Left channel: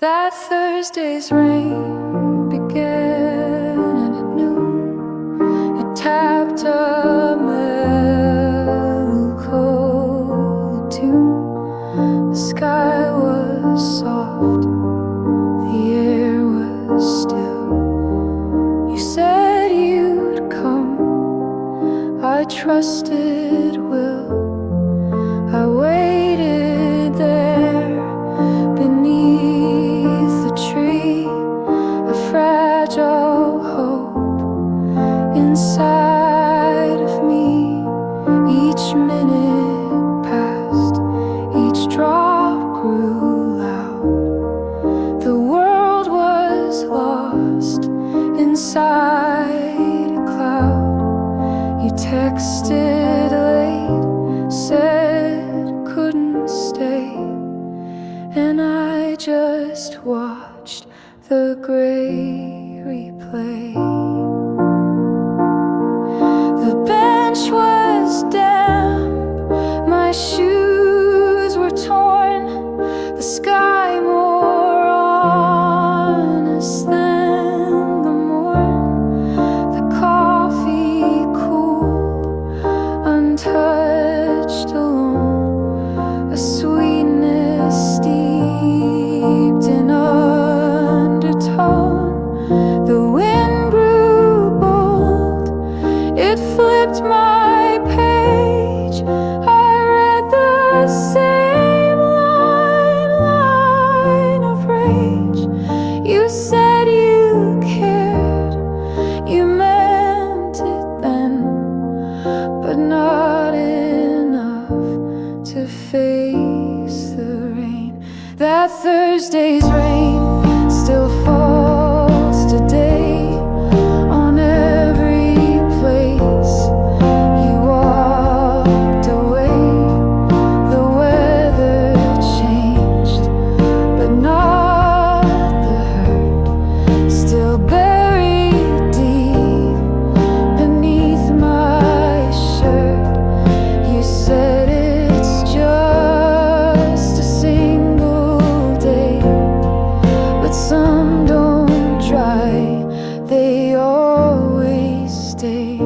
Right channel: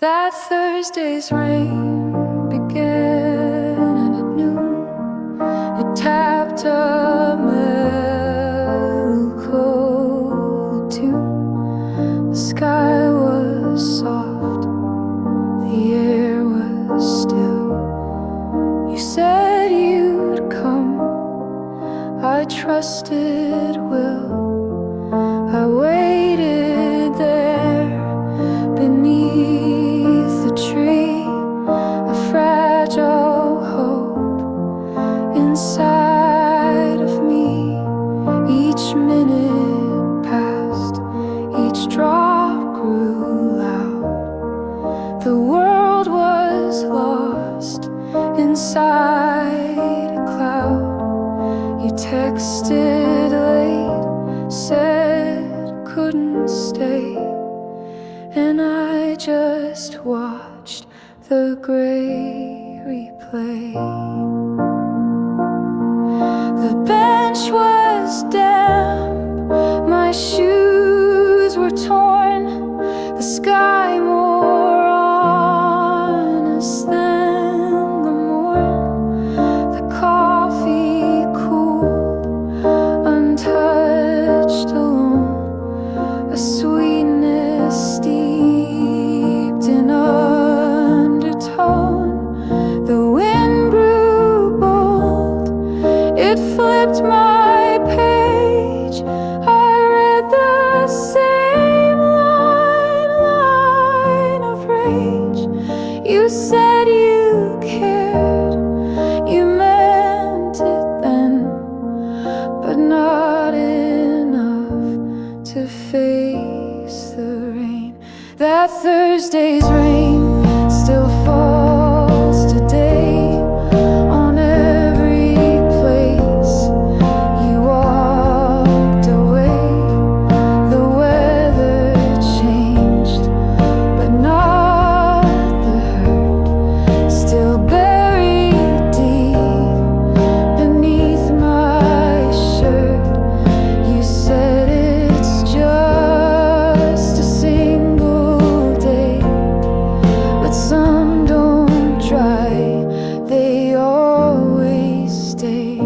That Thursday's rain began at noon. It tapped a melancholy tune. The sky was soft, the air was still. You said you'd come, I trusted will. I waited there beneath the tree, a fragile hope inside of me. Each minute passed, each drop grew loud. The world was lost inside a cloud. You texted late, said couldn't stay, and I just watched the gray replay. The bench was damp, my shoes were torn, the sky more honest than the morn, the coffee cool, untouched, alone, a sweetness steeped in undertone. The wind grew bold, it flipped my page. I read the same line of rage. You said you cared, you meant it then, but not enough to face the rain. That Thursday's rain still falls today on every place you walked away. The weather changed, but not the hurt, still buried deep beneath my shirt. You said it's just a single day, but some don't dry, they always stay.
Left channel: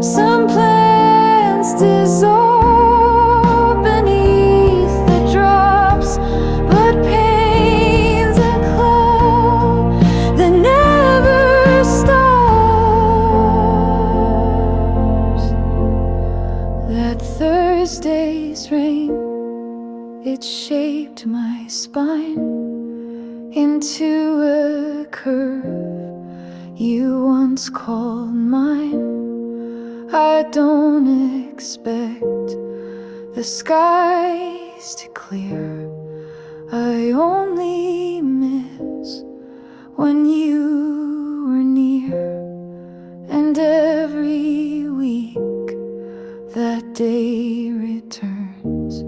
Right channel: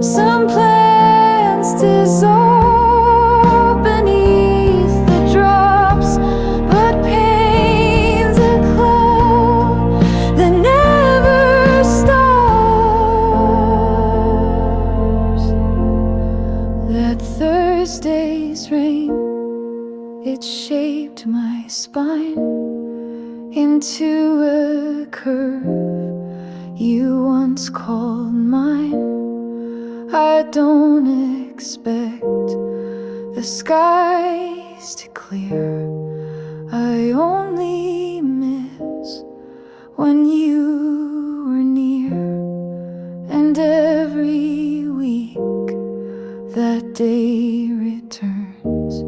Some plants dissolve beneath the drops, but pain's a cloud that never stops. That Thursday's rain, it shaped my spine into a curve you once called mine. I don't expect the skies to clear, I only miss when you were near. And every week that day returns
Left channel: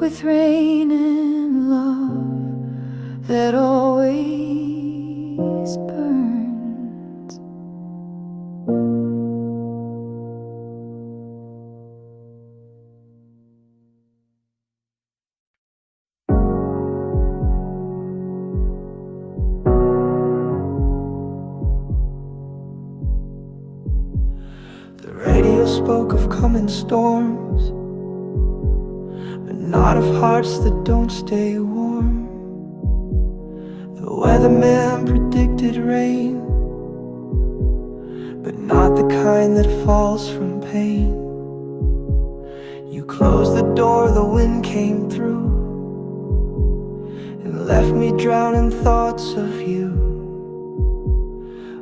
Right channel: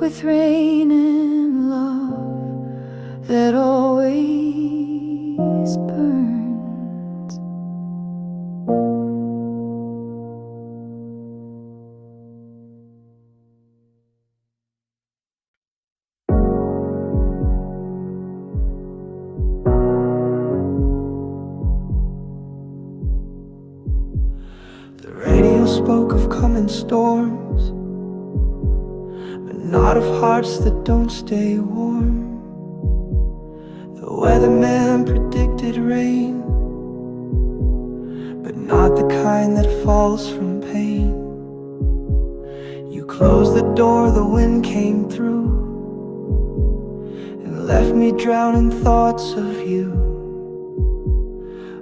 with rain and love that always burns. The radio spoke of coming storms, but not of hearts that don't stay warm. The weatherman predicted rain, but not the kind that falls from pain. You closed the door, the wind came through, and left me drowning thoughts of you.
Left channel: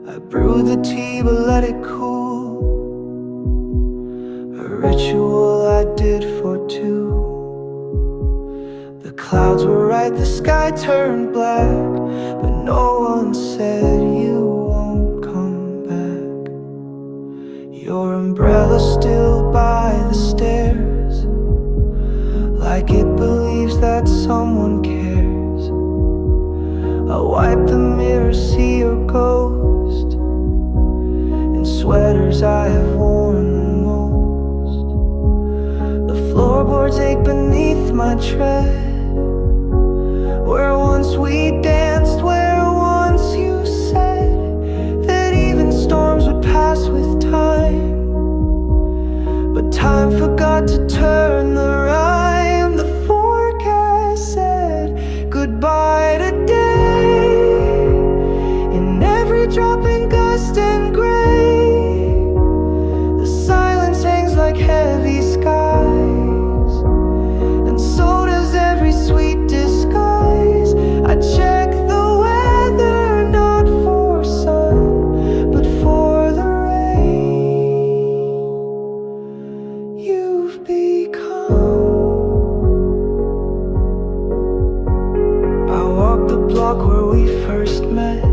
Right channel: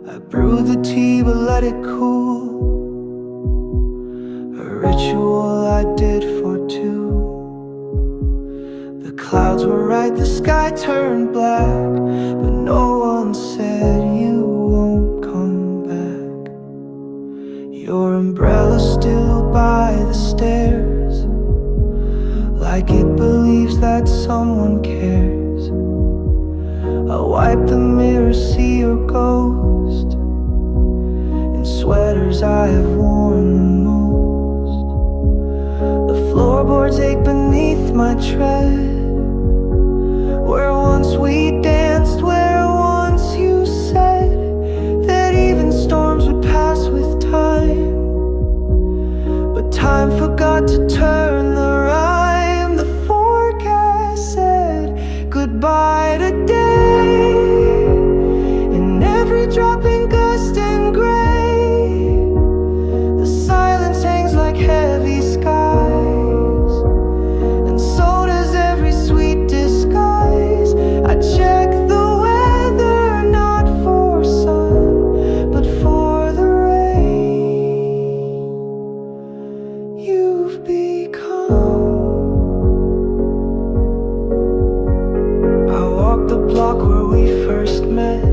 I brewed the tea but let it cool, a ritual I did for two. The clouds were right, the sky turned black, but no one said you won't come back. Your umbrella still by the stairs, like it believes that someone cares. I wipe the mirror, see your ghost in sweaters I have worn the most. The floorboards ache beneath my tread where once we danced, where once you said that even storms would pass with time. But time forgot to turn the rhyme. The forecast said goodbye today, in every dropping gust and gray. The silence hangs like heavy skies, and so does every sweet disguise. I check the weather, not for sun, but for the rain you've become. I walked the block where we first met.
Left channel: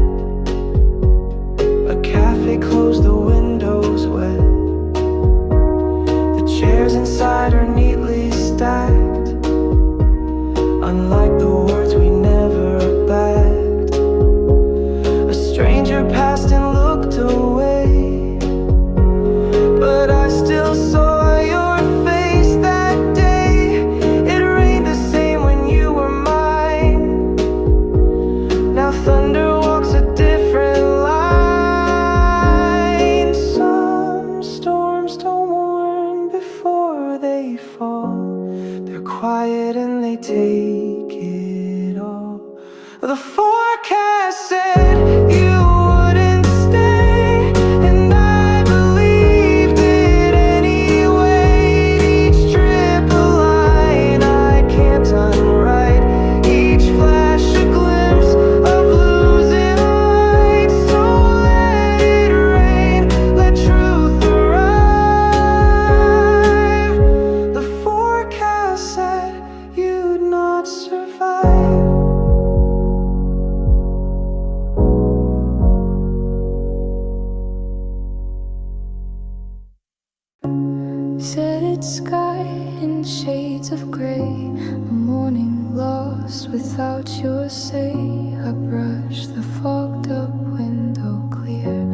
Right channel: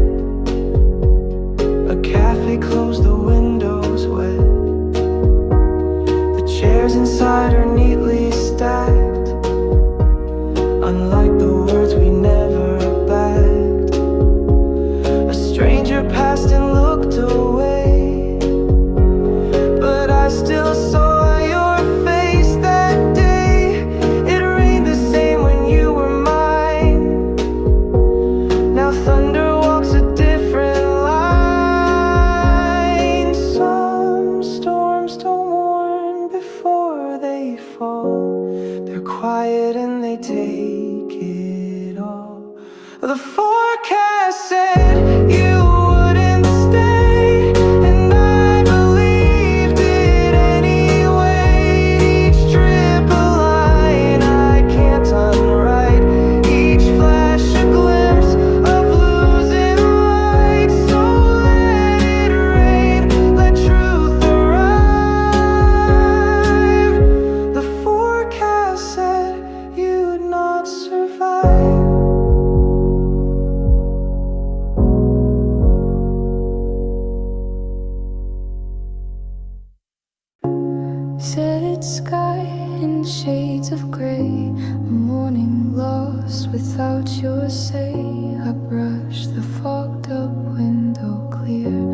A cafe closed, the windows wet. The chairs inside are neatly stacked, unlike the words we never backed. A stranger passed and looked away, but I still saw your face that day. It rained the same when you were mine. Now thunder walks a different line. Some storms don't warn before they fall. They're quiet and they take it all. The forecast said you wouldn't stay, and I believed it anyway. Each drip a line I can't unwrite, each flash a glimpse of losing light. So let it rain, let truth arrive. The forecast said you'd not survive. Setted sky in shades of grey, a morning lost without your say. I brush the fogged up window clear,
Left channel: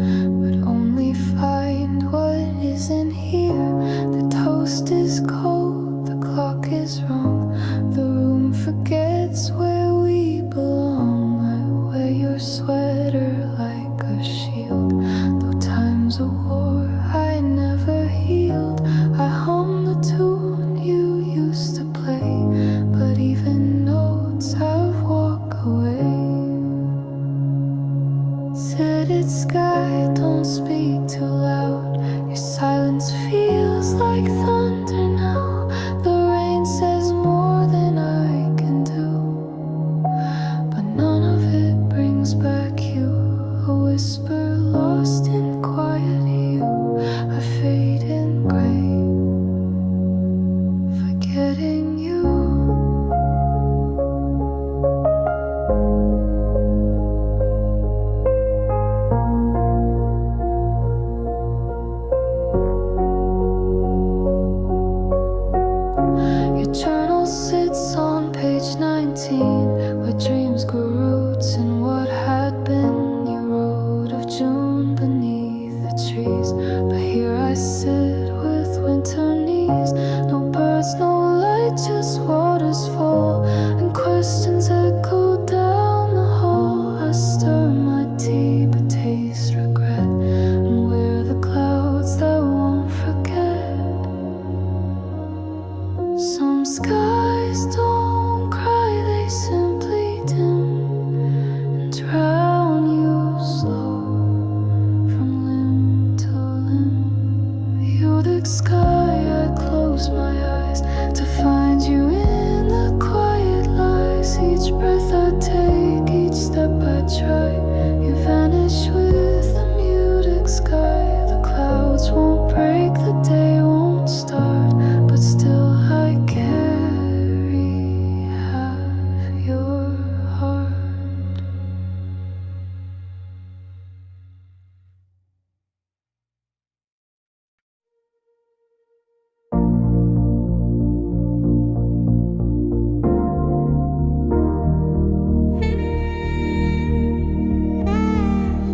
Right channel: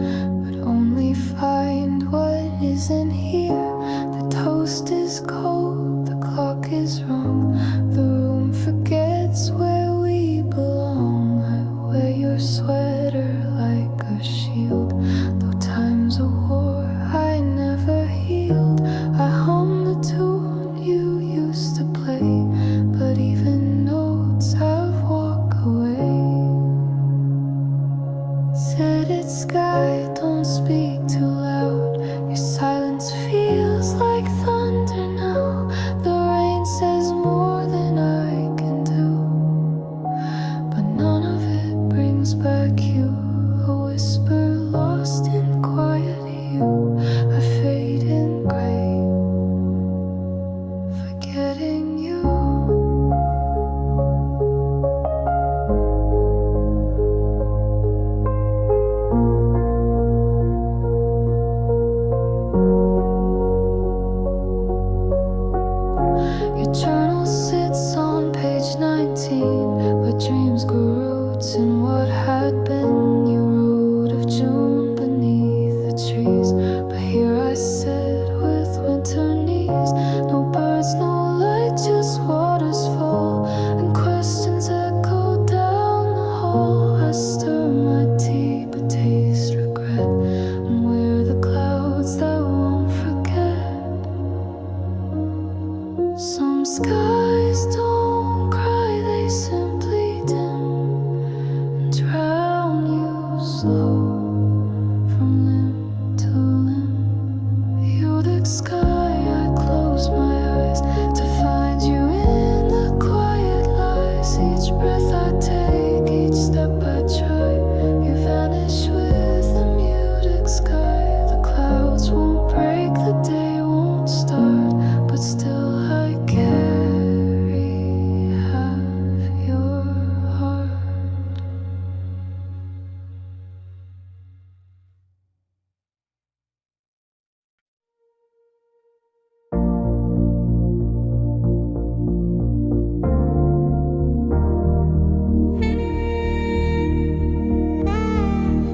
but only find what isn't here. The toast is cold, the clock is wrong, the room forgets where we belong. I wear your sweater like a shield, though time's a war I never healed. I hum the tune you used to play, but even notes have walked away. Setted sky, don't speak too loud. Your silence feels like thunder now. The rain says more than I can do, but none of it brings back you. A whisper lost in quiet hue. I fade in gray, forgetting you. Your journal sits on page 19, where dreams grew roots in what had been. You wrote of June beneath the trees, but here I sit with winter knees. No birds, no light, just waters fall, and questions echo down the hall. I stir my tea but taste regret, and wear the clouds that won't forget. Some skies don't cry, they simply dim and drown you slow from limb to limb. You're sky, I close my eyes to find you in the quiet lies. Each breath I take, each step I try, you vanish with the muted sky. The clouds won't break, the day won't start, but still I carry half your heart.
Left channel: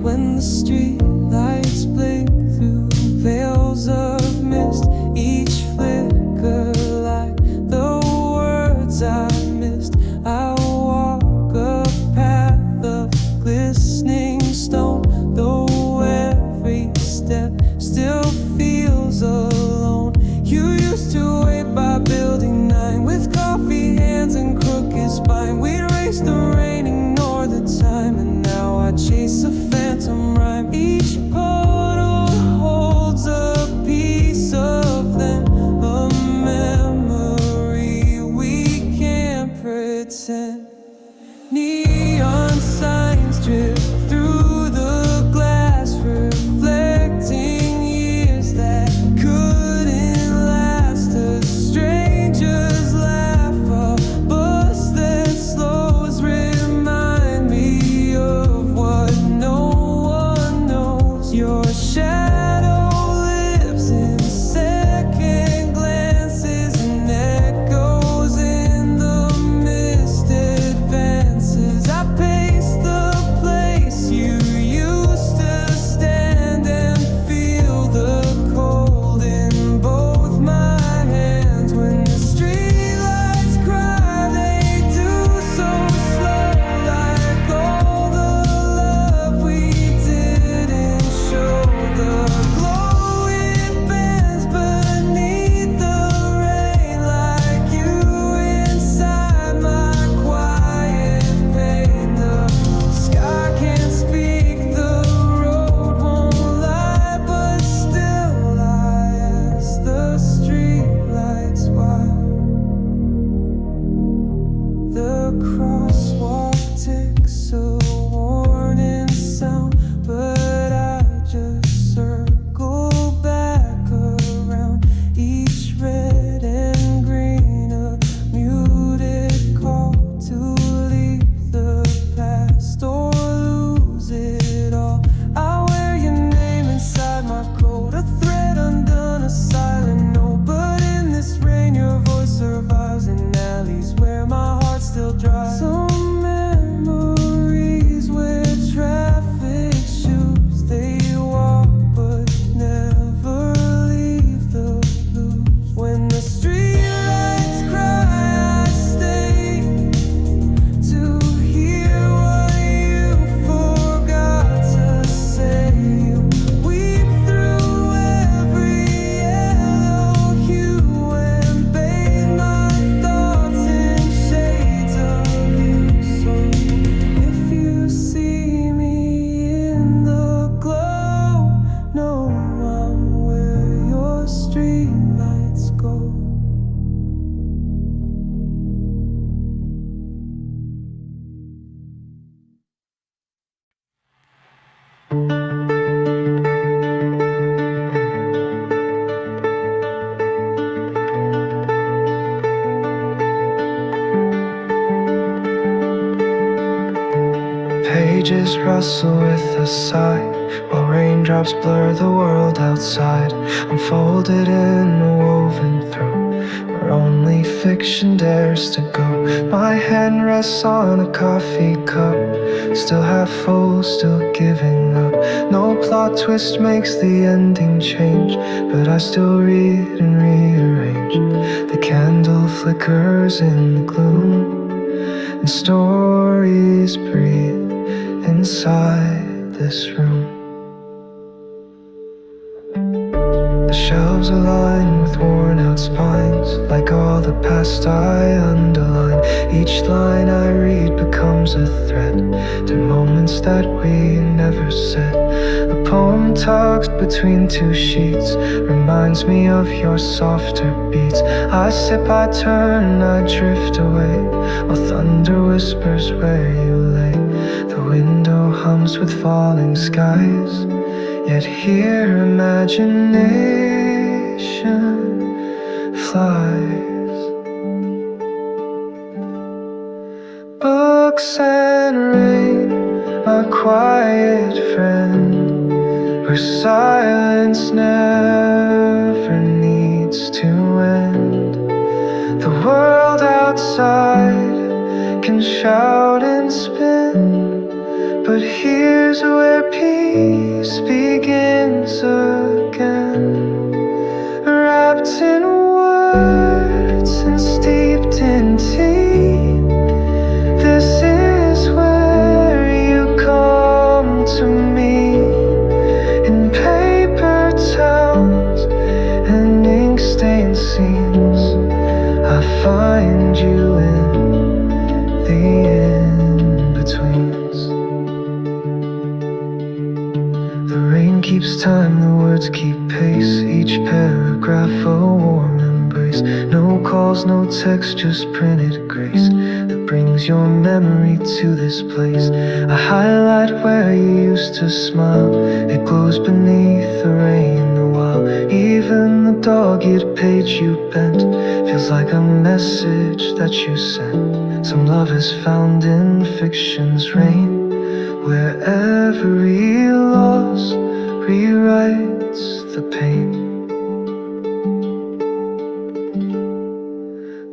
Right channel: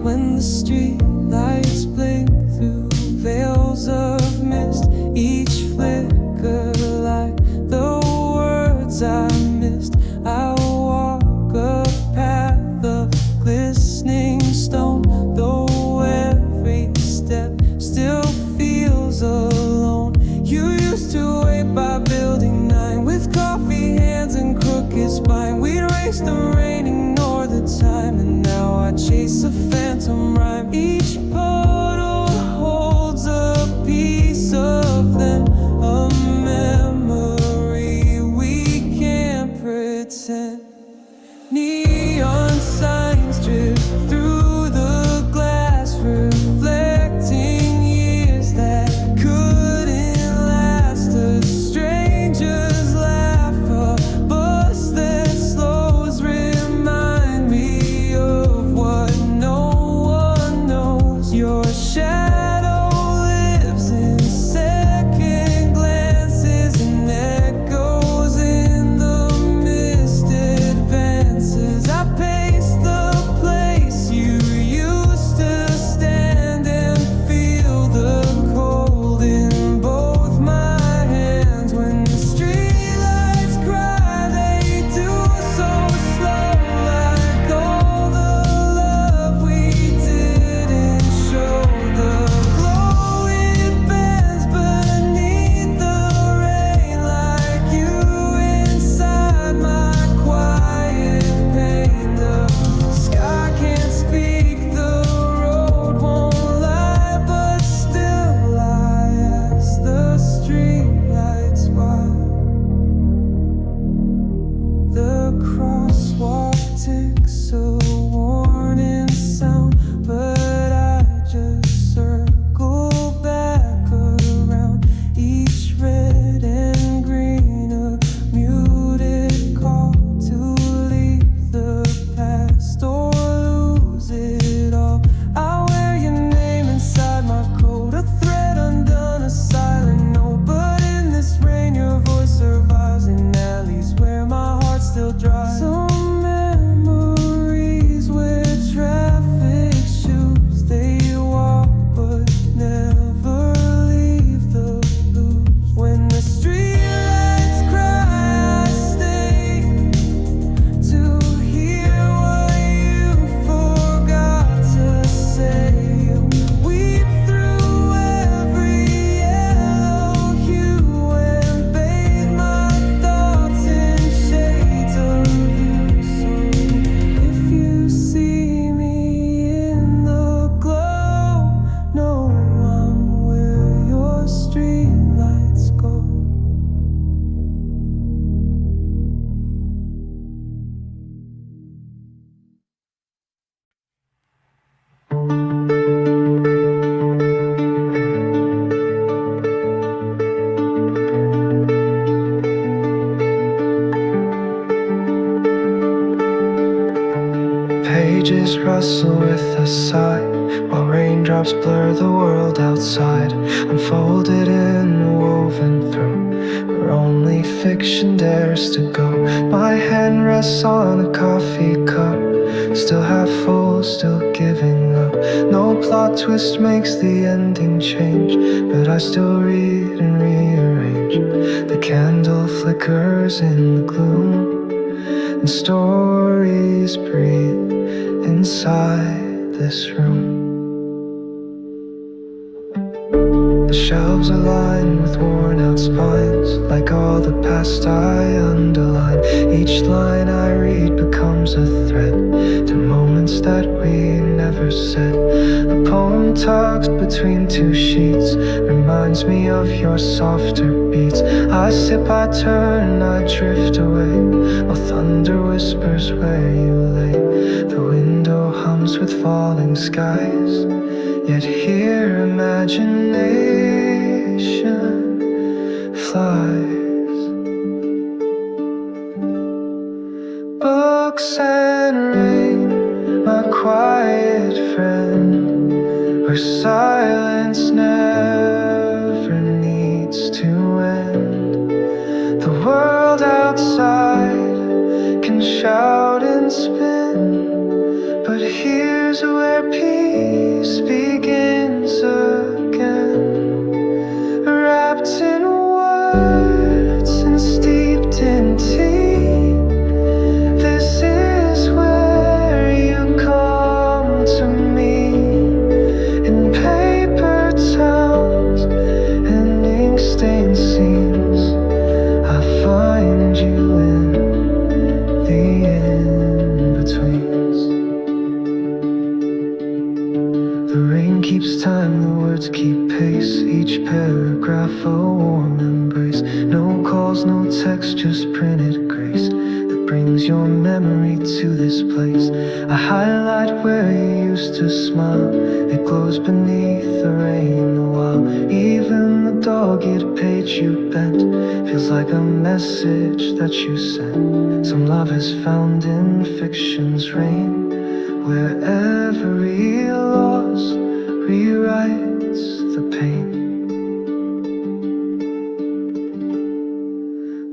When the street lights blink through veils of mist, each flicker like the words I missed. I walk It's a phantom rhyme. Each puddle holds a piece of them, a memory we can't pretend. Neon signs drip through the glass, reflecting years that couldn't last. A stranger's laugh, a bus that slows, remind me of what no one knows. Your shadow lives in second glances and echoes in the mist advances. I pace the place you used to stand and feel the cold in both my hands. When the streetlights cry, they do so slow, like all the love we didn't show. The glow, it bends beneath the rain, like you inside my quiet pain. The sky can't speak, the road won't lie, but still I ask the streetlights why. The crosswalk ticks, a warning sound, but I just circle back around. Each red and green, a muted call to leave the past or lose it all. I wear your name inside my coat, a thread undone, a silent note. But in this rain, your voice survives in alleys where my heart still dries. Some memories wear traffic shoes, they walk but never leave the blues. When the streetlights cry, I stay to hear what you forgot to say. You weep through every yellow hue and bathe my thoughts in shades of you. So if you see me in the glow, know I'm where your streetlights go. Pages rustle with a sigh, while raindrops blur the world outside. I'm folded in a woven throat, where only fiction dares to go. My hand rests on a coffee cup, still half full, still giving up. No plot twist makes the ending change, but I still read and rearrange. The candle flickers in the gloom, and stories breathe inside this room. The shelves are lined with worn out spines, like all the past I underline. Each line I read becomes a thread to moments that we never said. A poem tucked between two sheets reminds me of your softer beats. I sip, I turn, I drift away, while thunder whispers where you lay. The window hums with falling skies, yet here imagination flies. Books and rain, my quiet friend, where silence never needs to end. The world outside can shout and spin, but here's where peace begins again. Wrapped in words and steeped in tea, this is where you come to me. In paper towels and ink-stained seams, I find you in the in-betweens. Each time the words keep pace, each paragraph a warm embrace. No calls, no text, just printed grace that brings your memory to this place. I highlight where you used to smile. It glows beneath the rain a while. Even the dog-eared page you bent feels like a message that you sent. Some love is found in fiction's rain, where every loss rewrites the pain.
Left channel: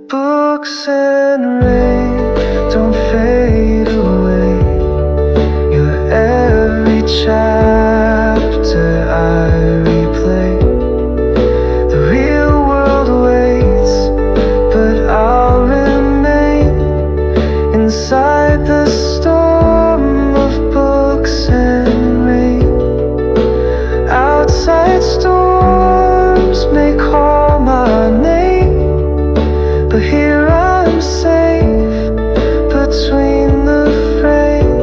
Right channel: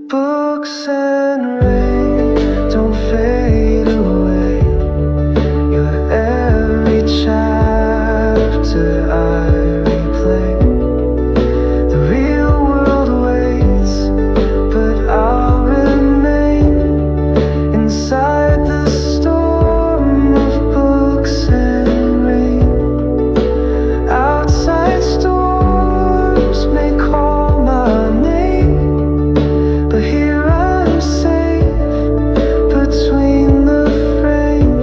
Books and rain don't fade away. Your every chapter I replay. The real world waits, but I'll remain inside the storm of books and rain. Outside storms may call my name, but here I'm safe between the frame.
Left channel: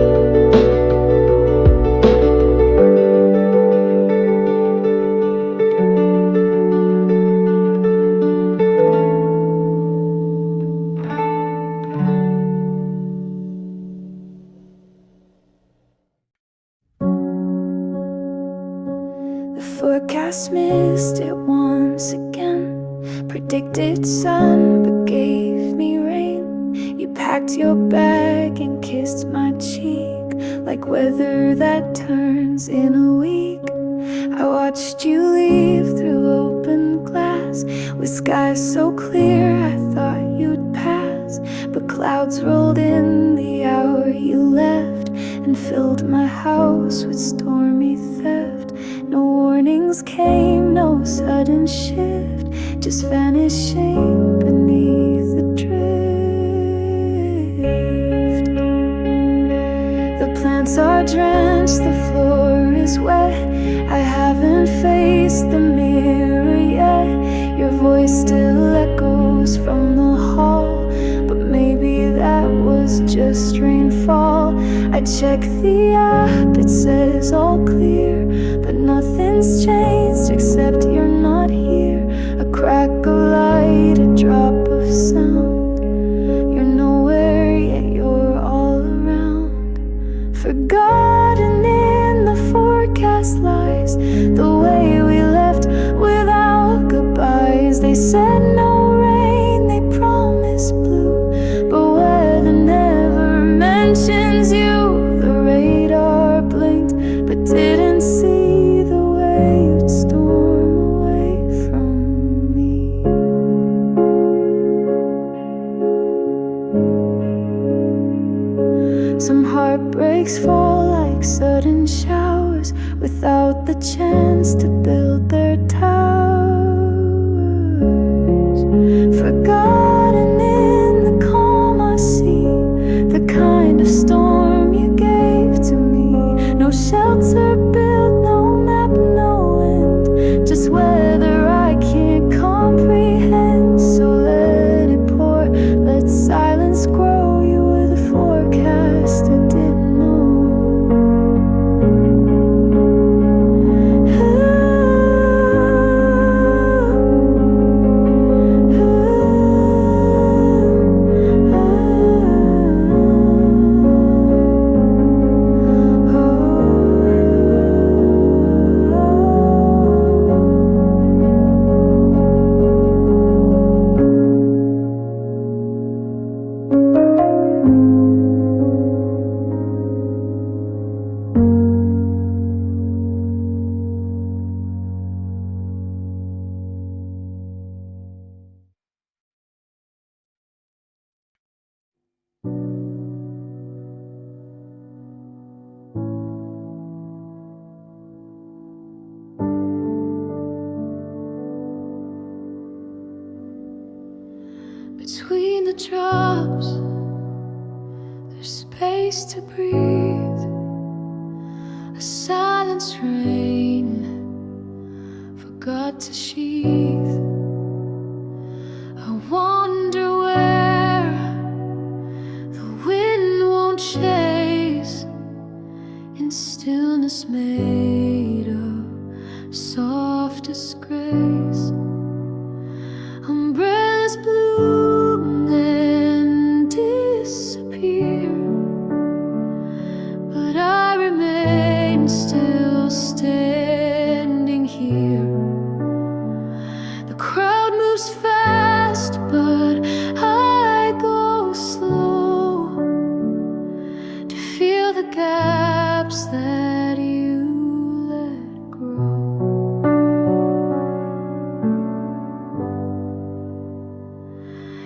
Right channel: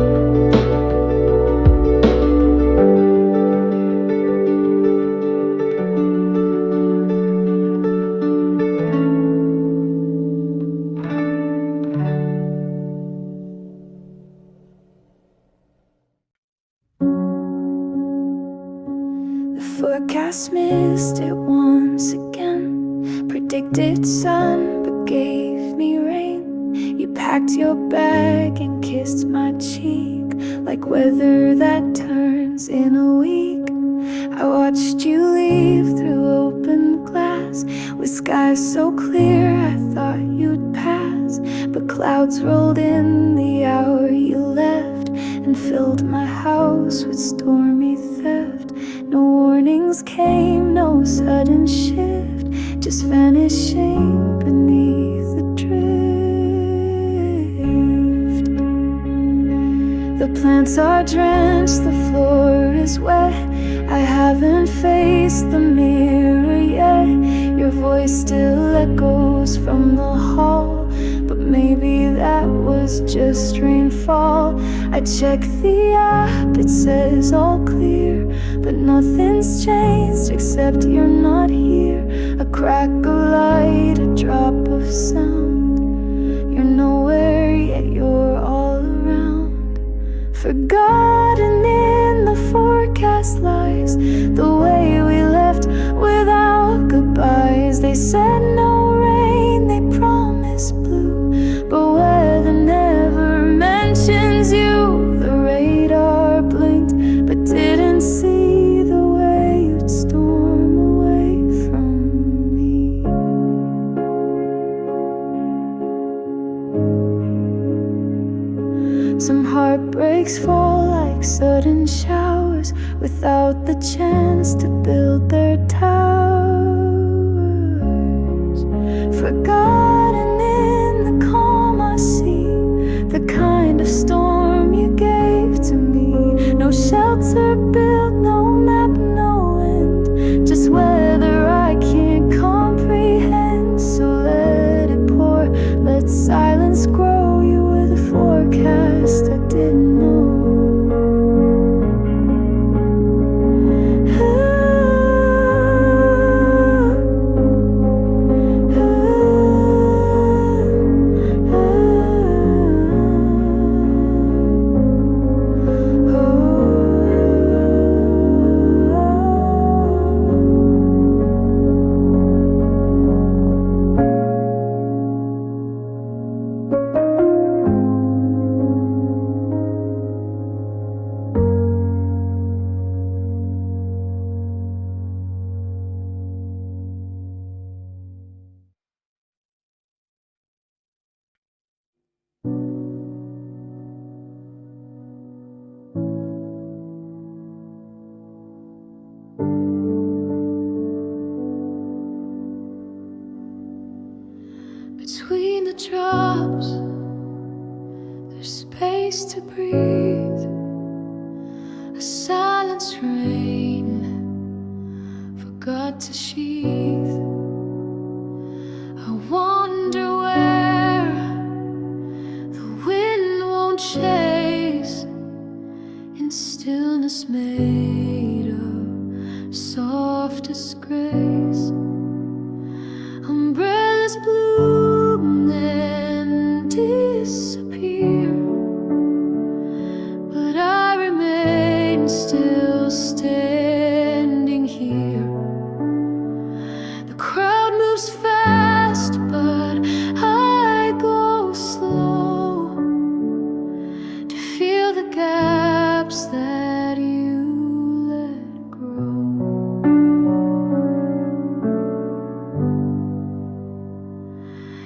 The forecast missed it once again. Predicted sun but gave me rain. You packed your bag and kissed my cheek like weather that turns in a week. I watched you leave through open glass, with skies so clear I thought you'd pass. But clouds rolled in the hour you left and filled my house with stormy theft. No warnings came, no sudden shift, just vanishing beneath the drift. The plants are drenched, the floor is wet. I haven't faced the mirror yet. Your voice still echoes from the hall, but maybe that was just rainfall. I check the app, it says all clear, but nothing's changed except you're not here. A crack of light, a drop of sound. You're nowhere yet you're all around. Forgotten in the forecast lies, the way we left without goodbyes. They said no rain, they promised blue, but weather never mentions you. The radar blinked but didn't see the way you'd storm away from me. Some heartbreaks fall like sudden showers, without the chance to build their towers. Forgotten in the calm I see, the kind of storm you gave to me. No shelter built, no map, no end, just weather I can't comprehend. So let it pour, let silence grow. You were the forecast I didn't know. Between the drops, there's space to breathe. A silence rain forgot to sheathe. I wonder where the wind won't chase, in stillness made of softest grace. Umbrellas bloom and disappear, but I remain still standing here. The crowd moves fast, but I go slow to feel the gaps that you let grow.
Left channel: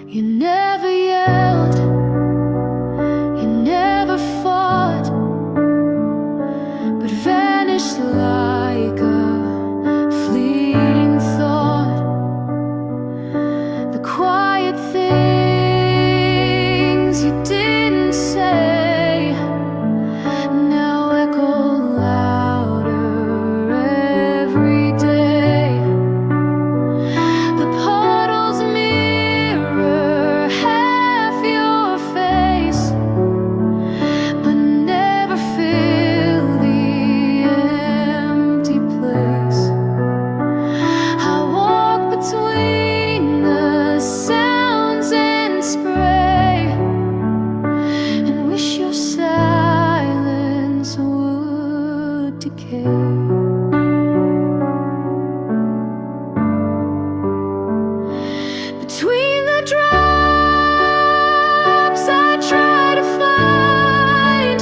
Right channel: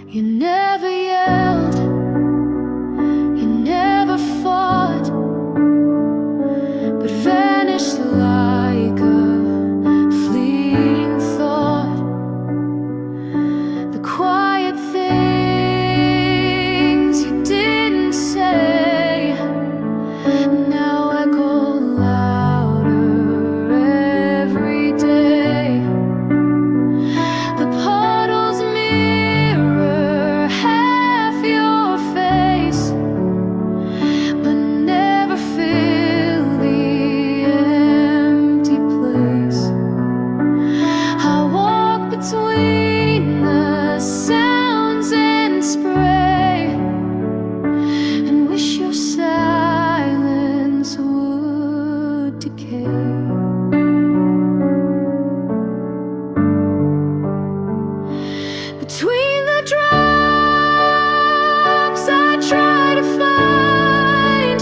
You never yelled, you never fought, but vanished like a fleeting thought. The quiet things you didn't say now echo louder every day. The puddles mirror half your face, but never fill the empty place. I walk between the sounds and spray, and wish your silence would decay. Between the drops I try to find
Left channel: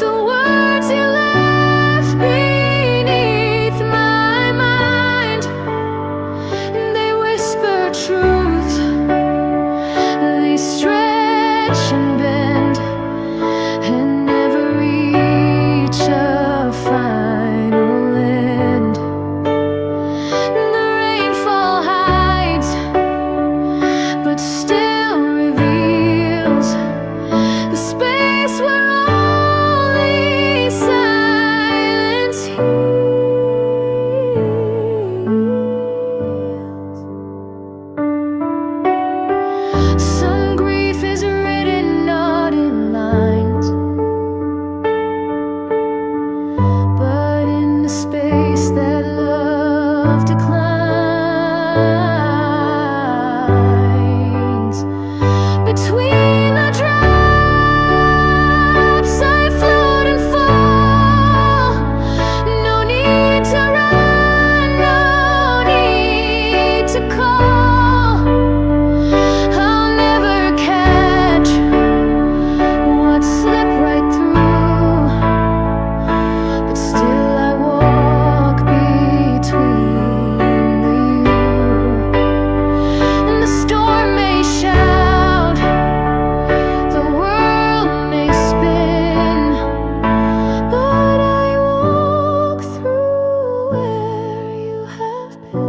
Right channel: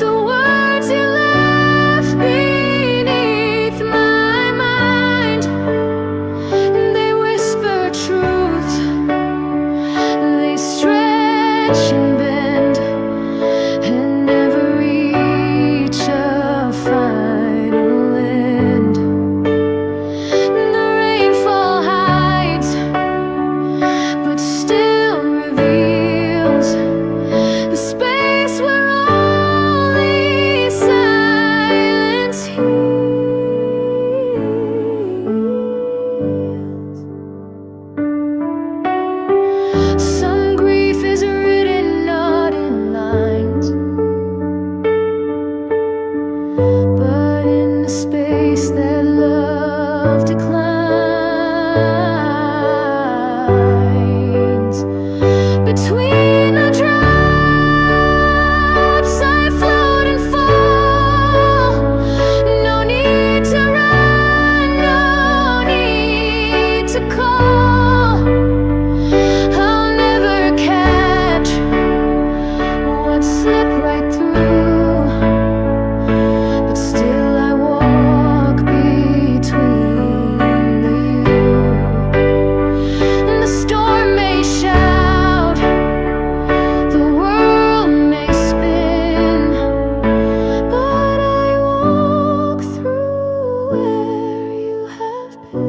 the words you left beneath my mind, and they whisper truth, they stretch and bend and never reach a final end. The rainfall hides, but still reveals the space where only silence heals. Some grief is written not in lines, but in the space that love declines. Between the drops I float and fall. No need to run, no need to call. I'll never catch what slipped right through, but still I walk between the you. And the storm may shout, the world may spin, but I walk through where you have been.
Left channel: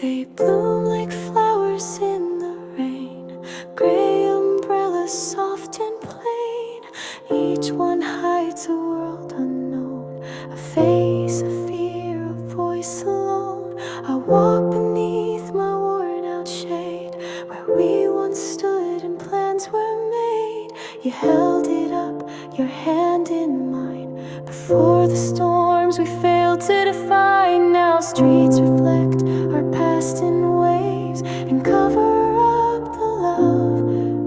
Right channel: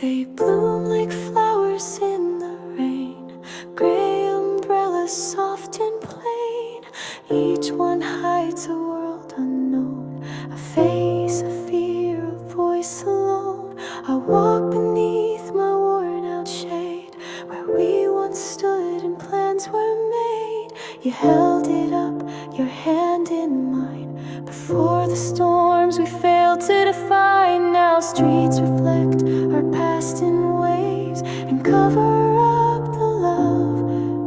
They bloom like flowers in the rain, gray umbrellas soft and plain. Each one hides a world unknown, a face, a fear, a voice alone. I walk beneath my worn out shade, where we once stood and plans were made. You held it up, your hand in mine, before the storms we failed to define. Now streets reflect our past in waves and cover up the love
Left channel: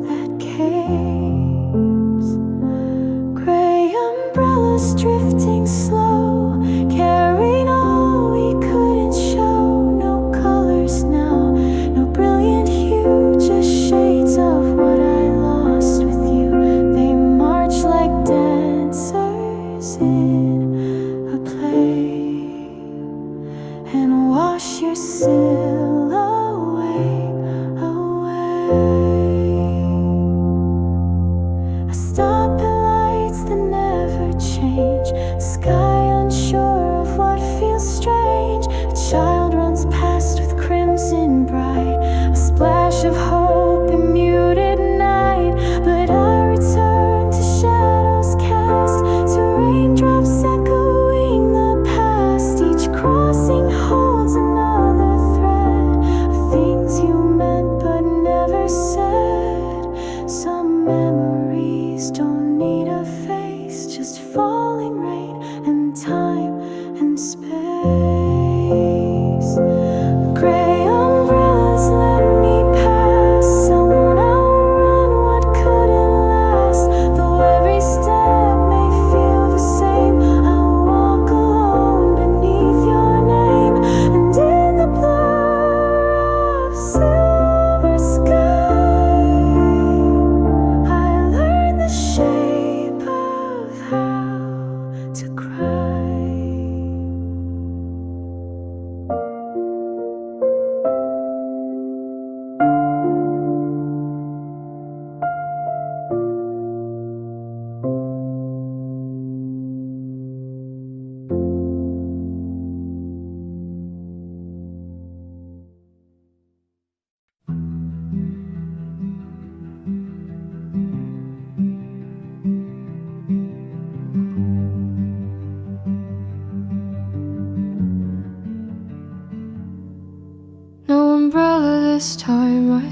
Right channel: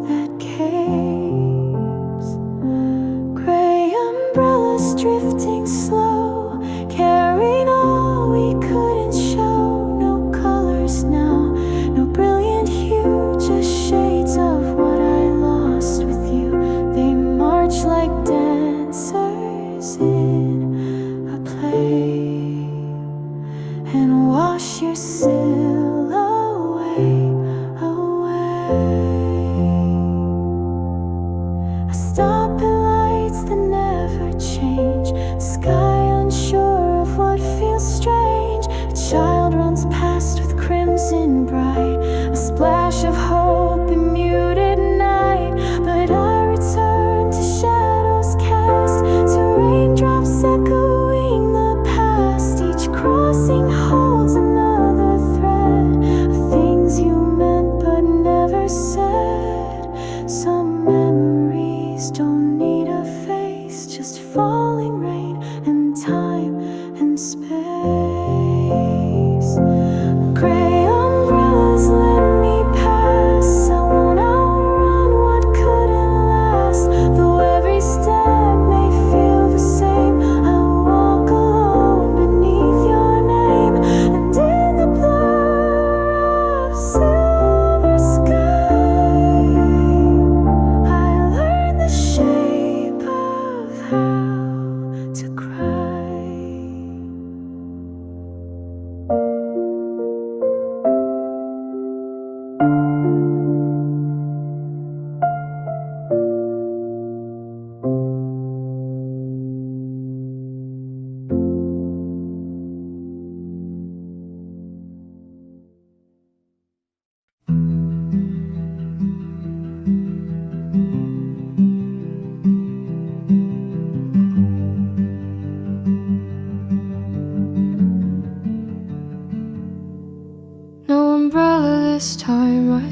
that caves. Gray umbrellas drifting slow, carrying all we couldn't show. No colors now, no brilliant hue, just shades of what I lost with you. They march like dancers in a play and wash your silhouette away. I stop at lights that never change, the sky unsure of what feels strange. A child runs past with crimson bright, a splash of hope in muted night, but I return to shadow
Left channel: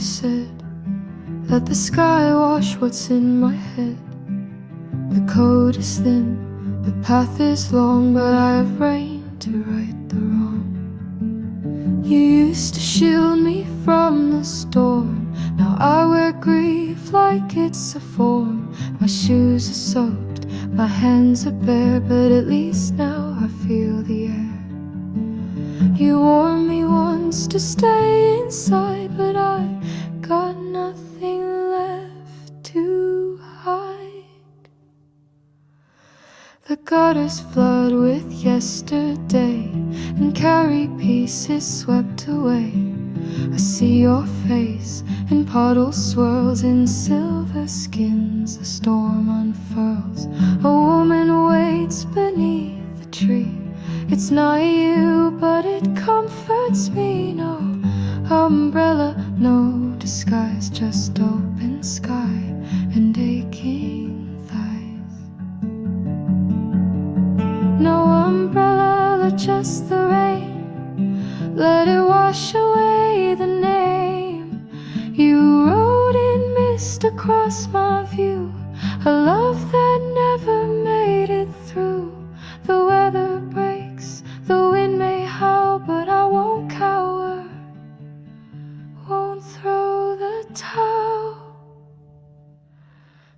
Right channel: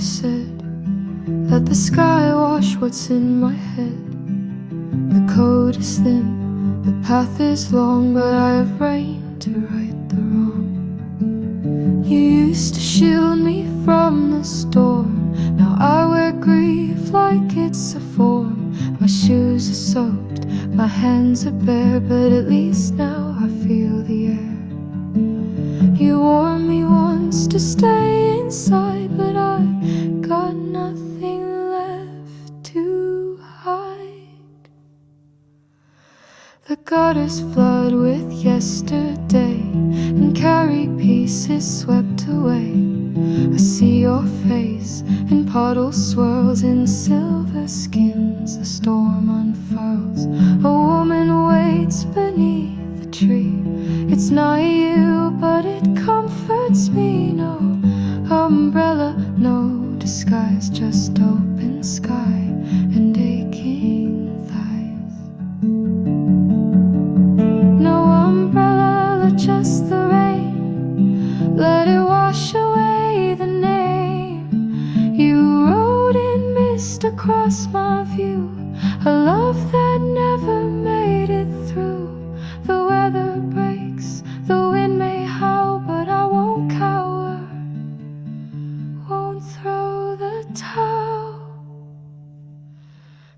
said, let the sky wash what's in my head. The code is thin, the path is long, but I have rain to right the wrong. You used to shield me from the storm, now I wear grief like it's a form. My shoes are soaked, my hands are bare, but at least now I feel the air. You warned me once to stay inside, but I got nothing left to hide. The gutters flood with yesterday and carry pieces swept away. I see your face in puddle swirls, in silver skins a storm unfurls. A woman waits beneath the tree. It's not you, but it comforts me. No umbrella, no disguise, just open sky and aching thighs. No umbrella, just the rain, let it wash away the name you wrote in mist across my view. A love that never made it through. The weather breaks, the wind may howl, but I won't cower, won't throw the towel.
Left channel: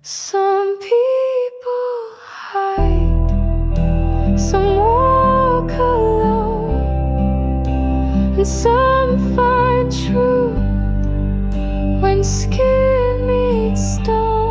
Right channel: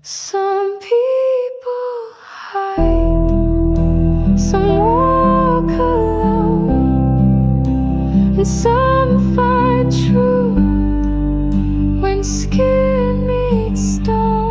Some people hide, some walk alone, and some find truth when skin meets stone.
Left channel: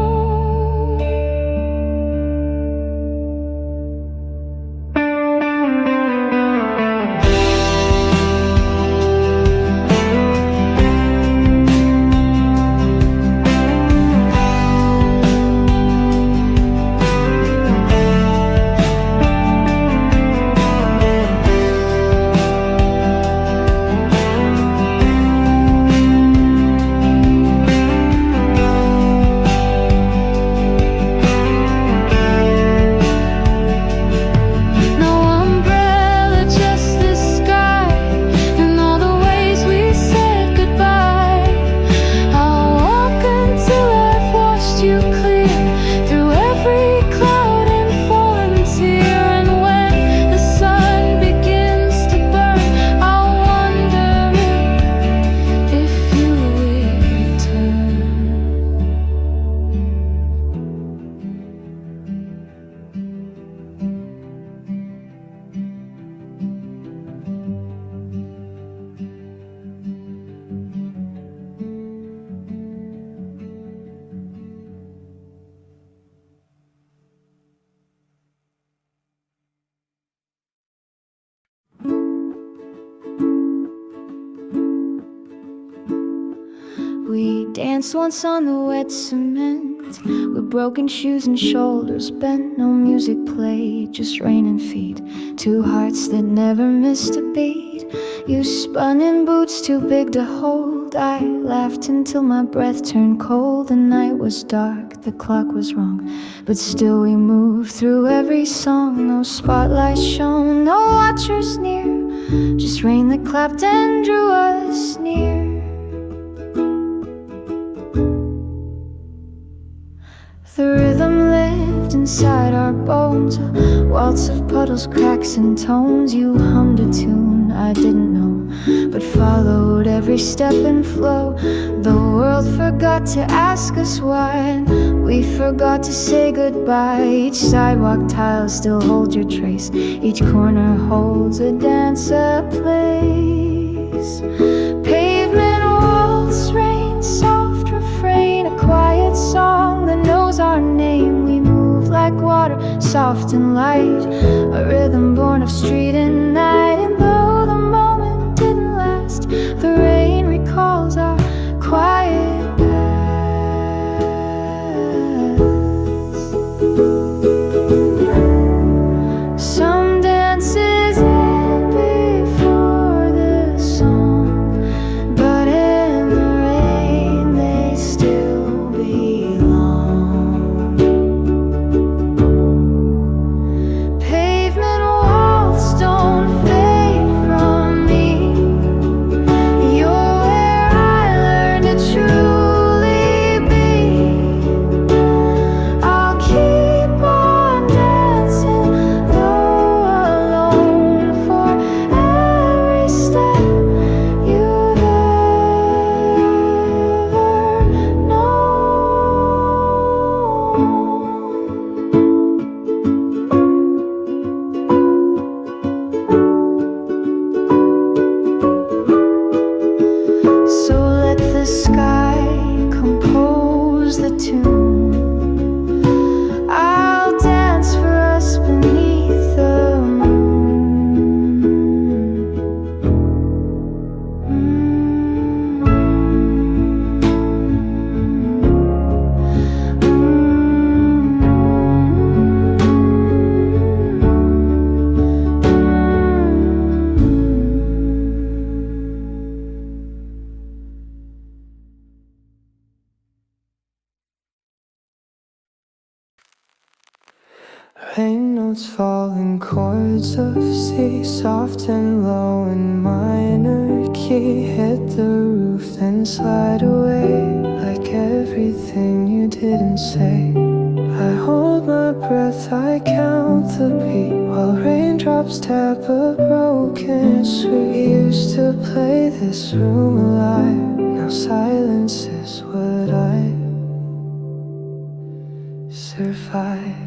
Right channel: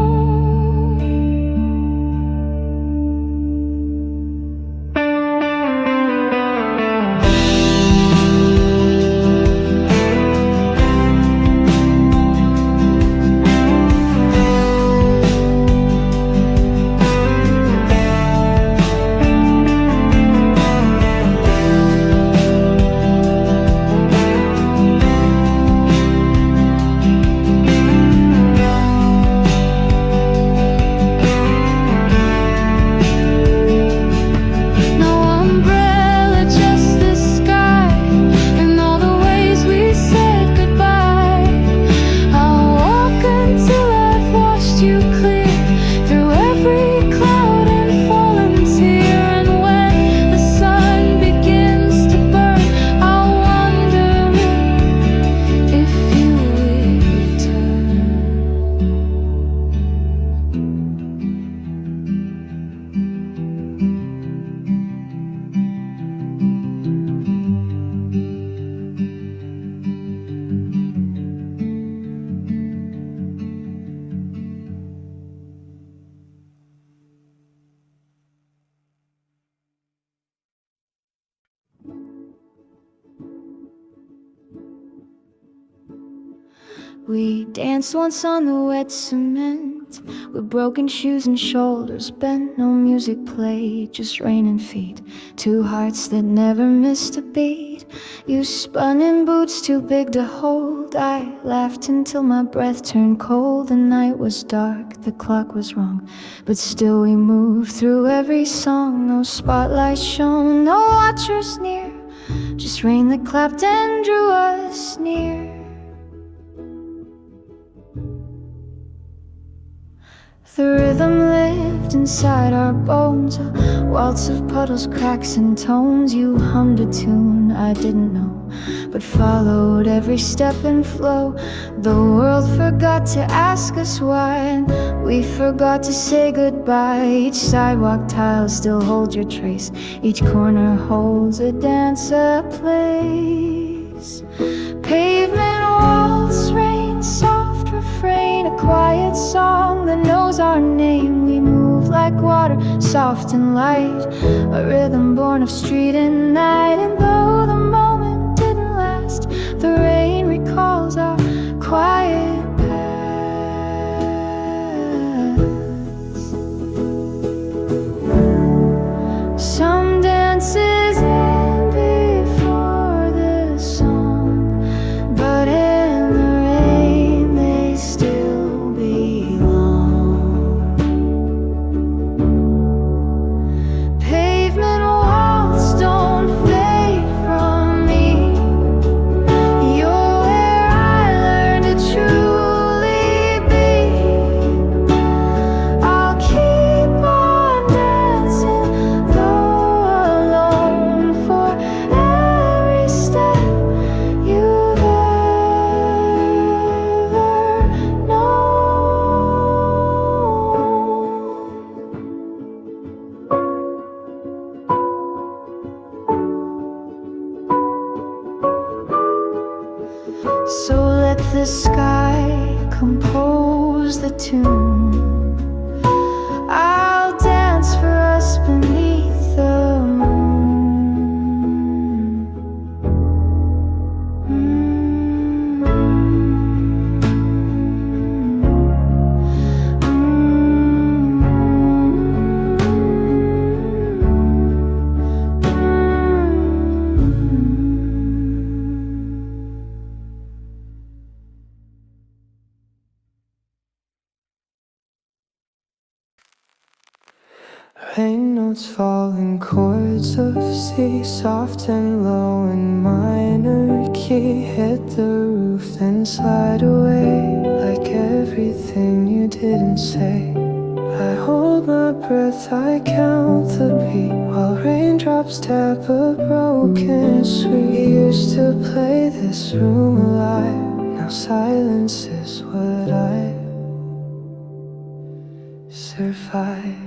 We danced once on the wet cement, with broken shoes and shoulders bent. No music played, just rain and feet. Two hearts that never missed a beat. You spun in boots too big to hold. I laughed until my breath turned cold. The night was dark, the clock was wrong, but still we moved through every song. No spotlight shone, no watchers near, just rain that clapped and drew us near. The rhythm lived inside our bones, a waltz of puddles, cracks and tones. You hummed a tune I didn't know, but followed every step and flow. The world forgot to ask us why, and we forgot to say goodbye. Each sidewalk tile still holds your trace, each corner holds a dance, a place. Pavement walls, rain, soft refrain, a quiet song that knows our name. We move like water, soft and light, a rhythm born of street and night. And though the moment didn't last, the rain recalls our quiet past. Some dances end before the song, but in the rain they still belong. Pavement walls don't fade from me. You're where I learned to trust. lose the tune. I'll dance for us beneath the moon. Rain notes fall in chords of C, soft and low in minor key. Hit the roof, then slide away like everything you didn't say. I hold my breath, I count the beat while raindrops tap a broken suite. Used to play this room alive, now silence is what I survive.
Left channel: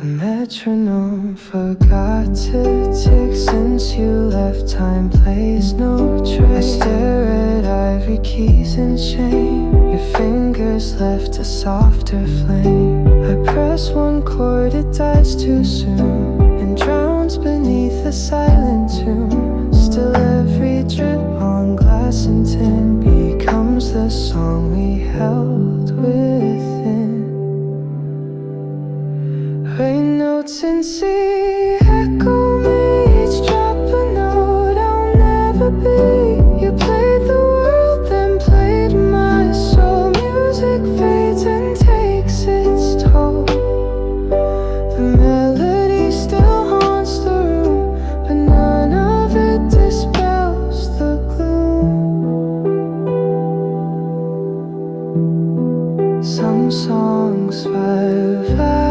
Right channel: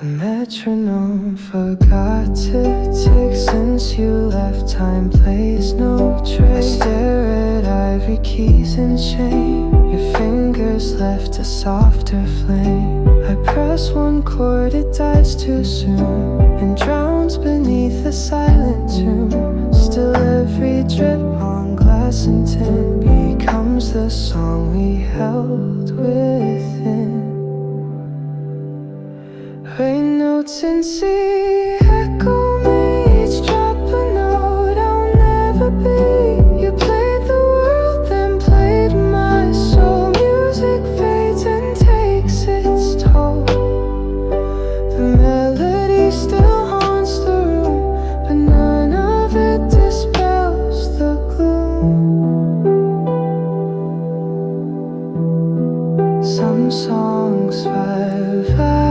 The metronome forgot to tick since you left. Time plays no trick. I stare at ivory keys and shame. Your fingers left a softer flame. I press one chord, it dies too soon and drowns beneath a silent tune. Still every drip on glass and tin becomes the song we held within. Rain notes in C echo me, each drop a note I'll never be. You played the world, then played my soul. Music fades and takes its toll. The melody still haunts the room, but none of it dispels the gloom. Some songs survive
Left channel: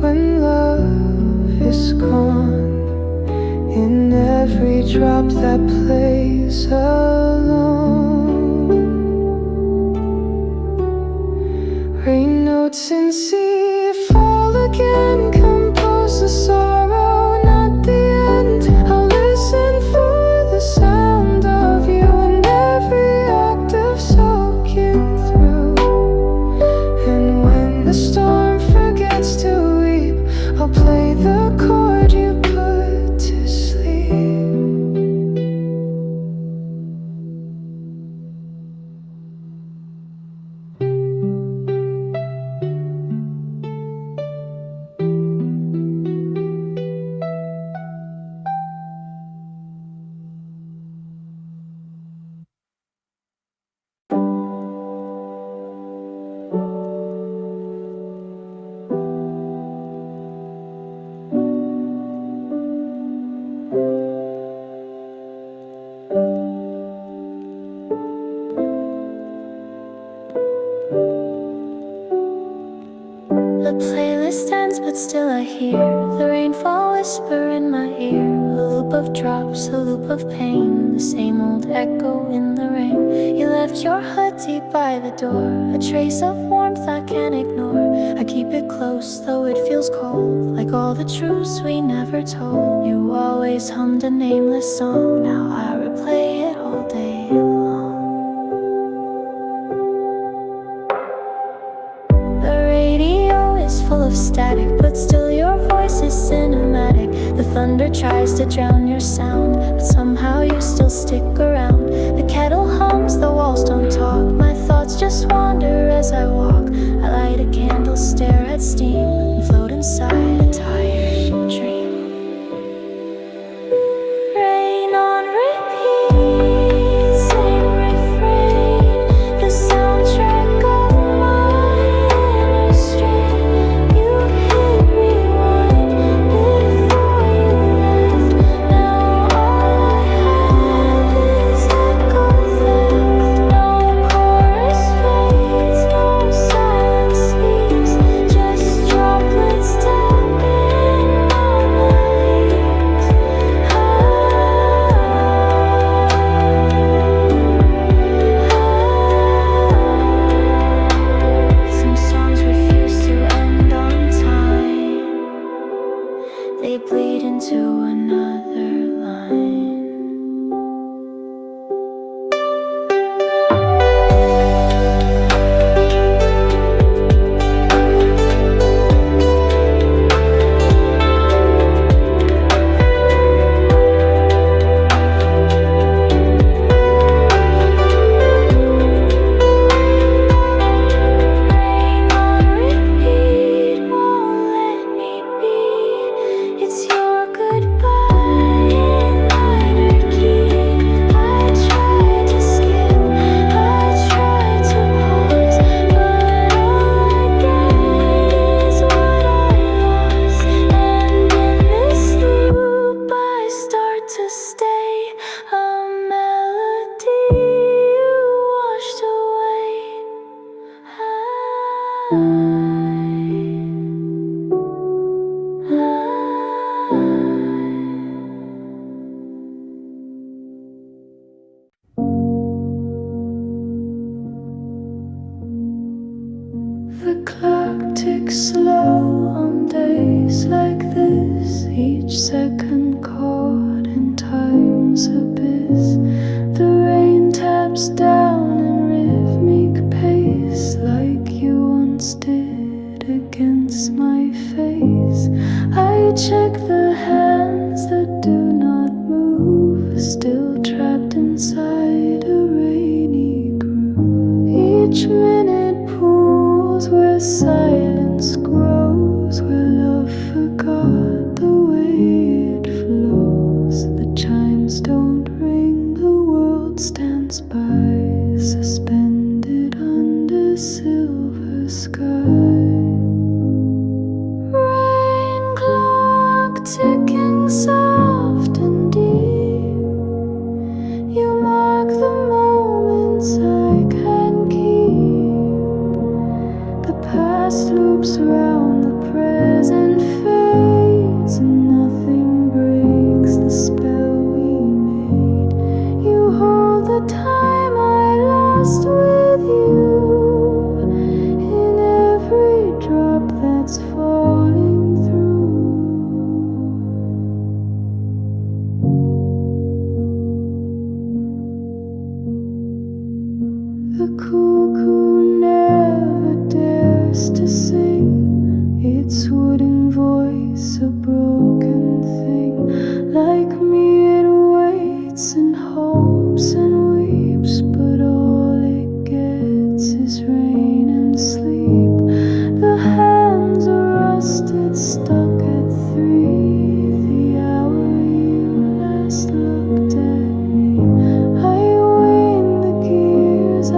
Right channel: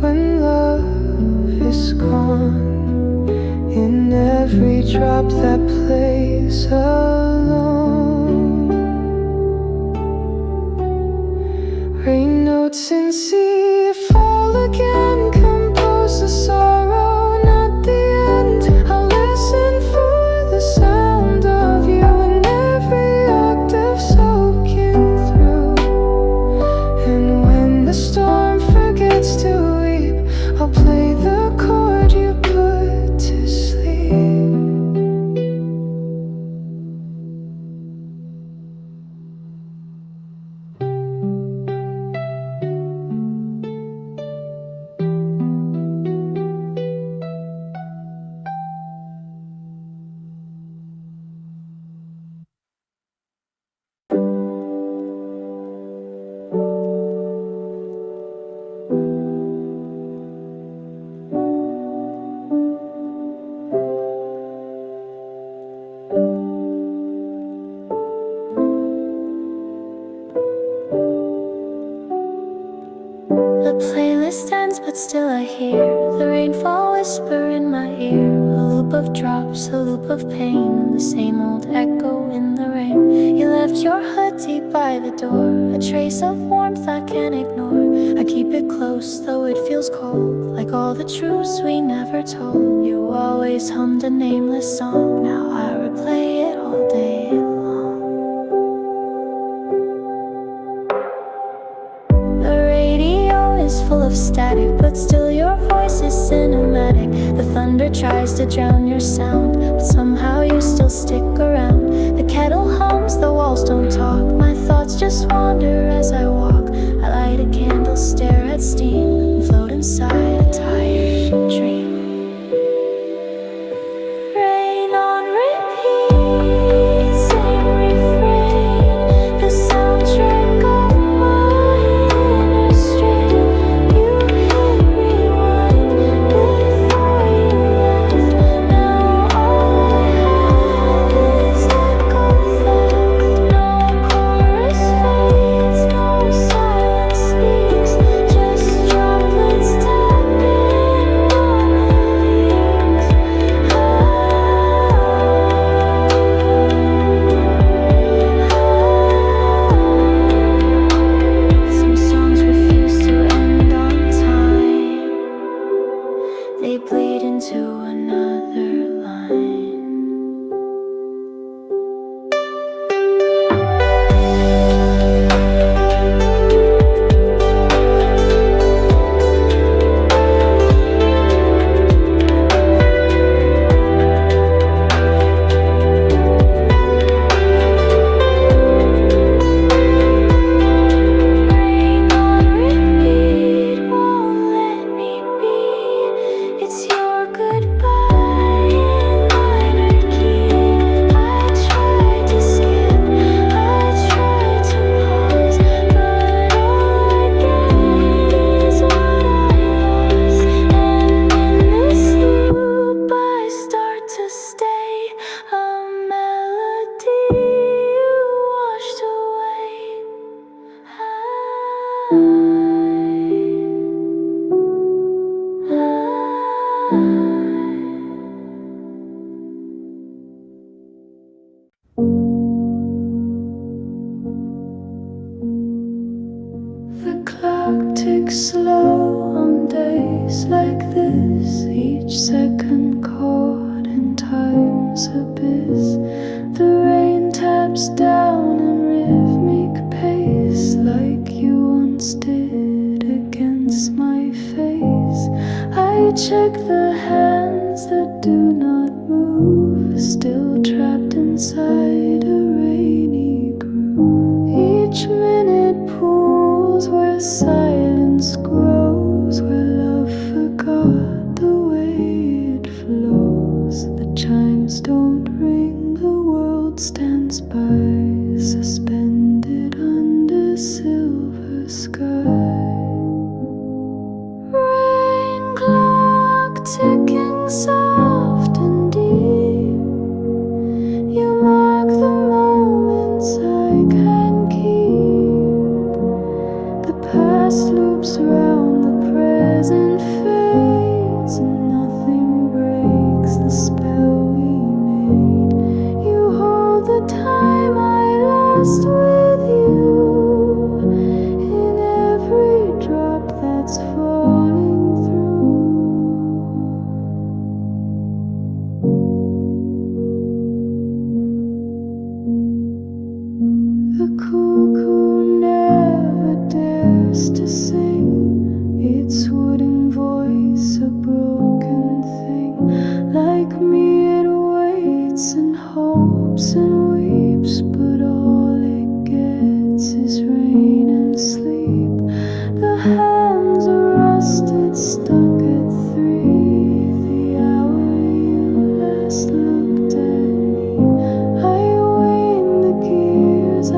when love is gone. In every drop that plays alone. Rain notes in C fall again, compose the sorrow, not the end. I'll listen for the sound of you in every octave soaking through. And when the storm forgets to weep, I'll play the chord you put to sleep. The playlist ends, but still I hear the rainfall whisper in my ear. A loop of drops, a loop of pain, the same old echo in the rain. You left your hood deep by the door, a trace of warmth I can't ignore. I keep it close, though it feels cold, like all the truths we never told. You always hummed a nameless song, now I replay it all day long. Full of static, but still your voice is cinematic. The thunder tries to drown your sound, but somehow you still stick around. The kettle hums, the walls don't talk, my thoughts just wander as I walk. I light a candle, stare at steam, and float inside a tired dream. Rain on repeat, same refrain, the soundtrack of my inner strain. Silence speaks, just droplets tapping on I check the hands that do not move, still trapped inside a rainy groove. Each minute pools where silence grows, where love forgot the way it flows. The chimes don't ring, the world stands by, suspended under silver sky. Rain clock ticking soft and deep, you mark the moments I can keep. The past loops round, the present fades, and nothing breaks the spell we made. You hold the time I lost with you, in every drop that's falling through. The cuckoo never dares to sing, its wooden voice a broken thing. Like me it waits and hopes and weeps, but all it gets is rain and sleep. The hands are rusted, stuck at 3, the hour you last looked at me. I wane the gears, I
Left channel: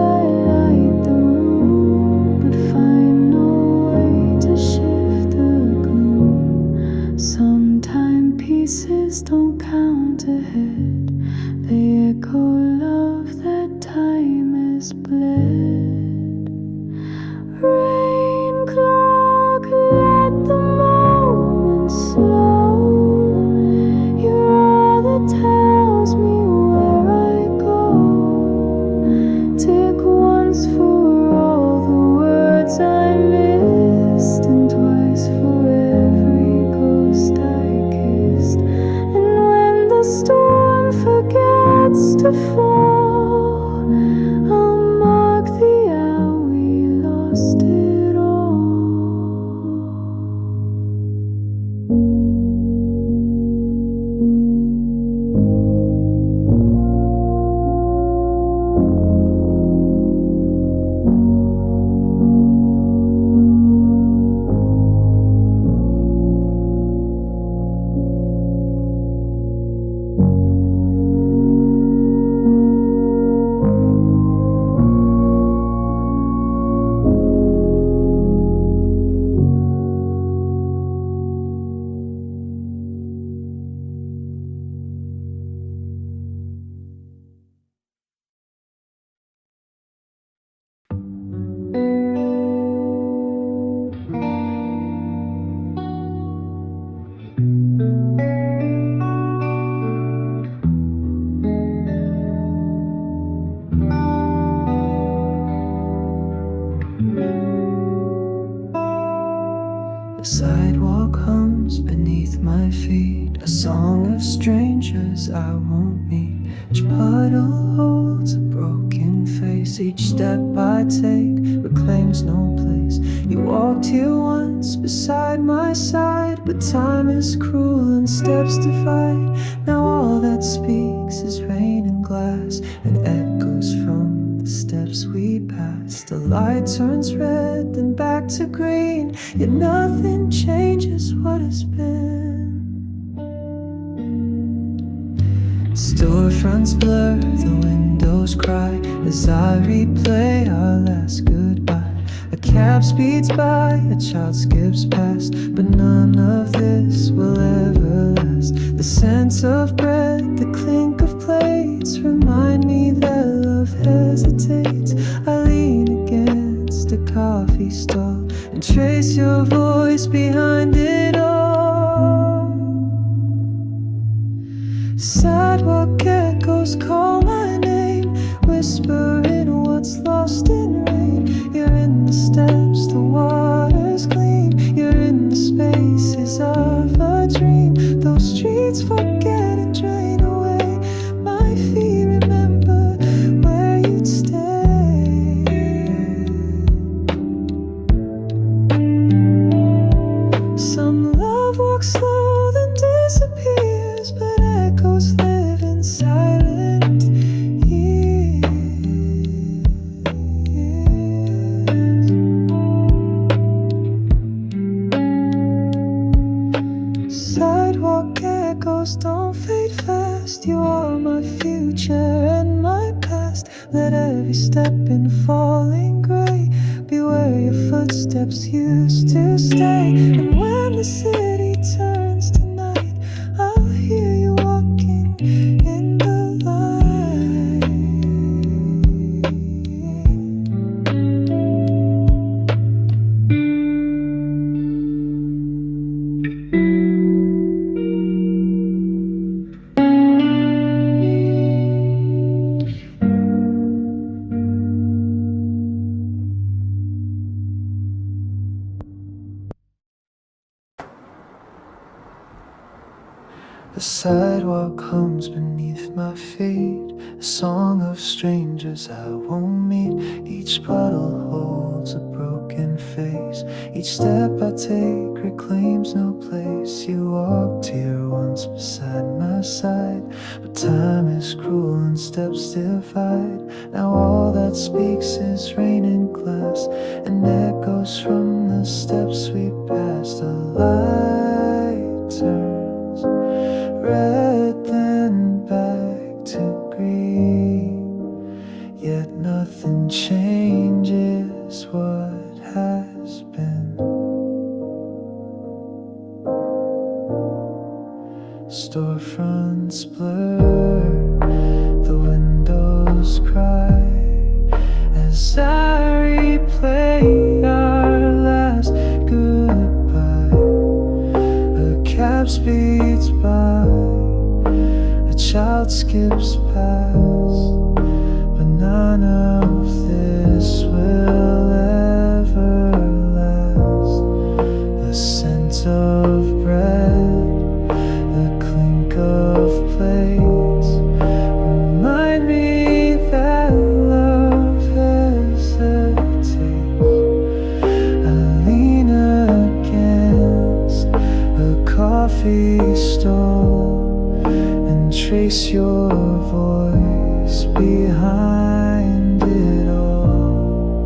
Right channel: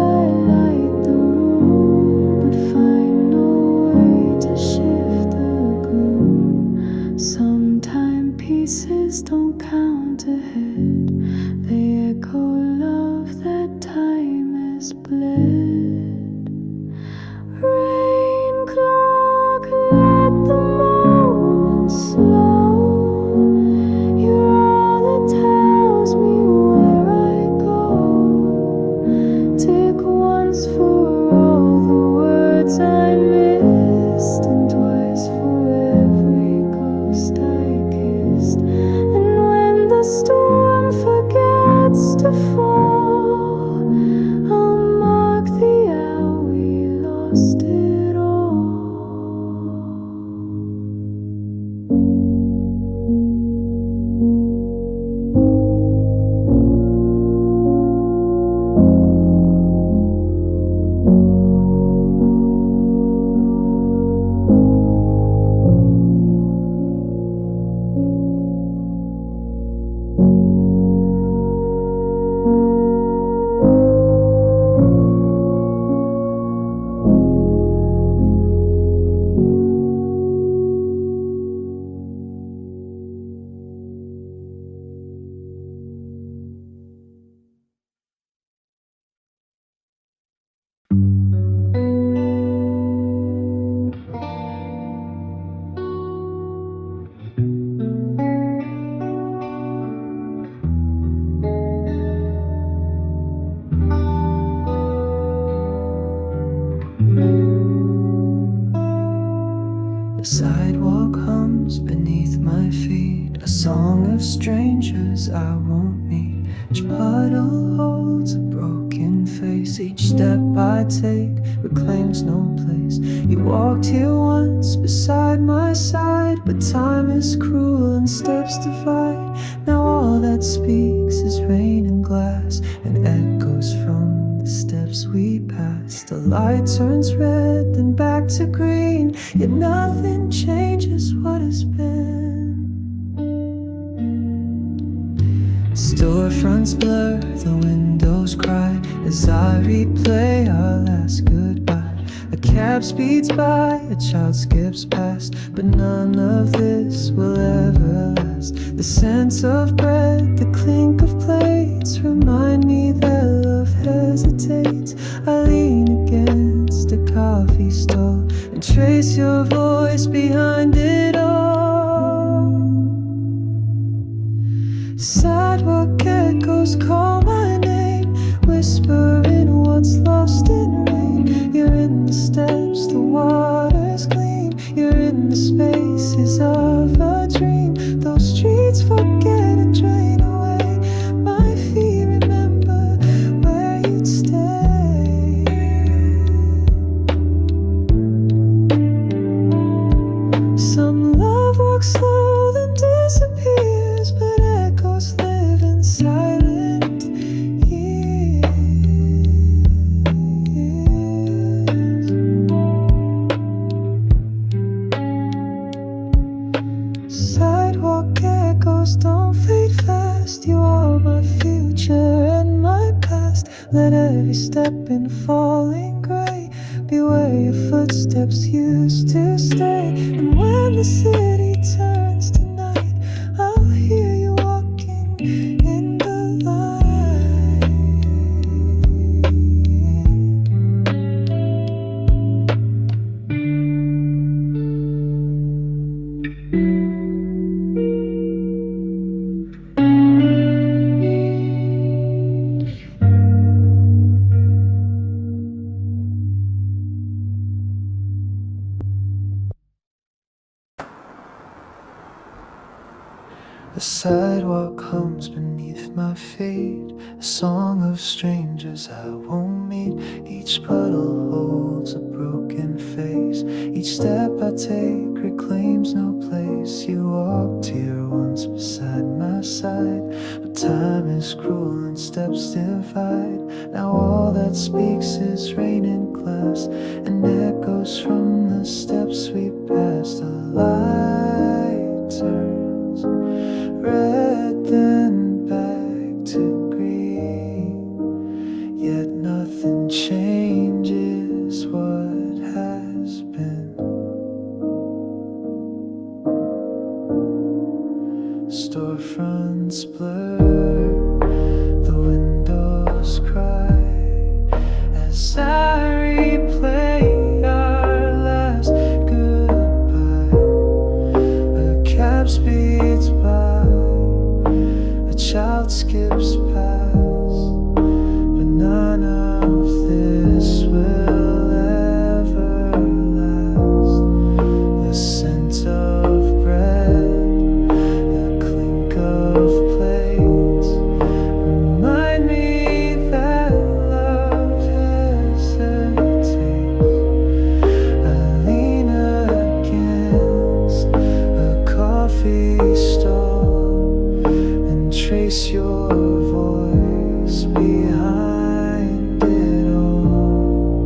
light the room, but find no way to shift the gloom. Some timepieces don't count ahead, they echo love that time has bled. Rain clock, let the moment slow. You're all that tells me where I go. Tick once for all the words I missed, and twice for every ghost I kissed. And when the storm forgets to fall, I'll mark the hour we lost it all. The sidewalk hums beneath my feet, a song of strangers I won't meet. Each puddle holds a broken face, each step I take reclaims no place. You walked here once beside my side, but time is cruel and steps divide. Now all that speaks is rain and glass, and echoes from the steps we passed. The light turns red, then back to green, yet nothing changes what has been. Storefronts blur, the windows cry as I replay our last goodbye. A cab speeds by, a child skips past, but none of this will ever last. The scent of bread, the clink of plates remind me that love hesitates. I lean against a coffee stall and trace your voice behind it all. Sidewalk echoes call my name, whispering what's lost in rain. You're in the steps, the waters gleam. You're in the spaces of a dream. Those streets forget and drain away my feet. Remember where you'd stay. Some love walks slow, been falling gray. Be where your footsteps used to stay. And when the city turns to night, I'll hear you walking in the light. The sidewalk hums beneath my feet, a song of strangers I won't meet. Each puddle holds a broken face. Each step I take reclaims no place. You walked here once beside my side, but time is cruel and steps divide. Now all that speaks is rain and glass, and echoes from the steps we passed. The light turns red, then back to green, yet nothing changes what has been. Storefronts blur, the windows cry as I replay our last goodbye. A cab speeds by, a child skips past, but none of this will ever last. The scent of bread, the clink of plates remind me that love hesitates. I lean against a coffee stall and trace your voice behind it all.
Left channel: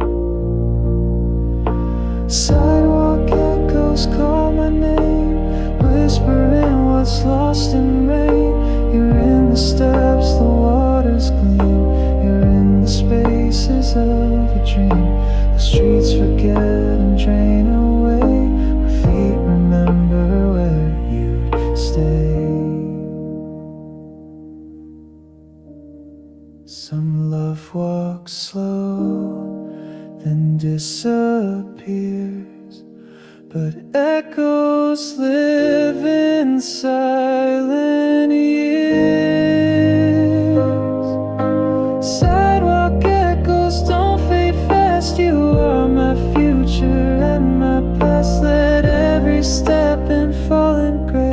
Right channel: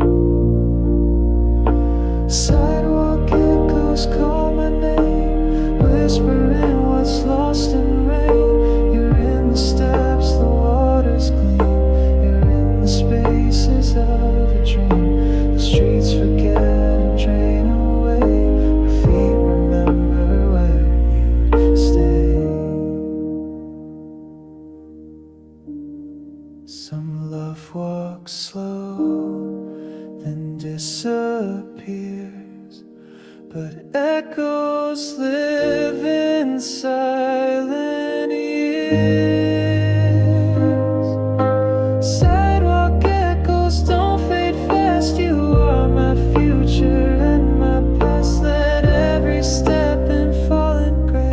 Sidewalk echoes call my name, whispering what's lost in rain. You're in the steps, the waters gleam. You're in the spaces of a dream. The streets forget and drain away. My feet remember where you stay. Some love walks slow, then disappears, but echoes live in silent years. Sidewalk echoes don't fade fast. You are my future and my past. Let every step and fallen gray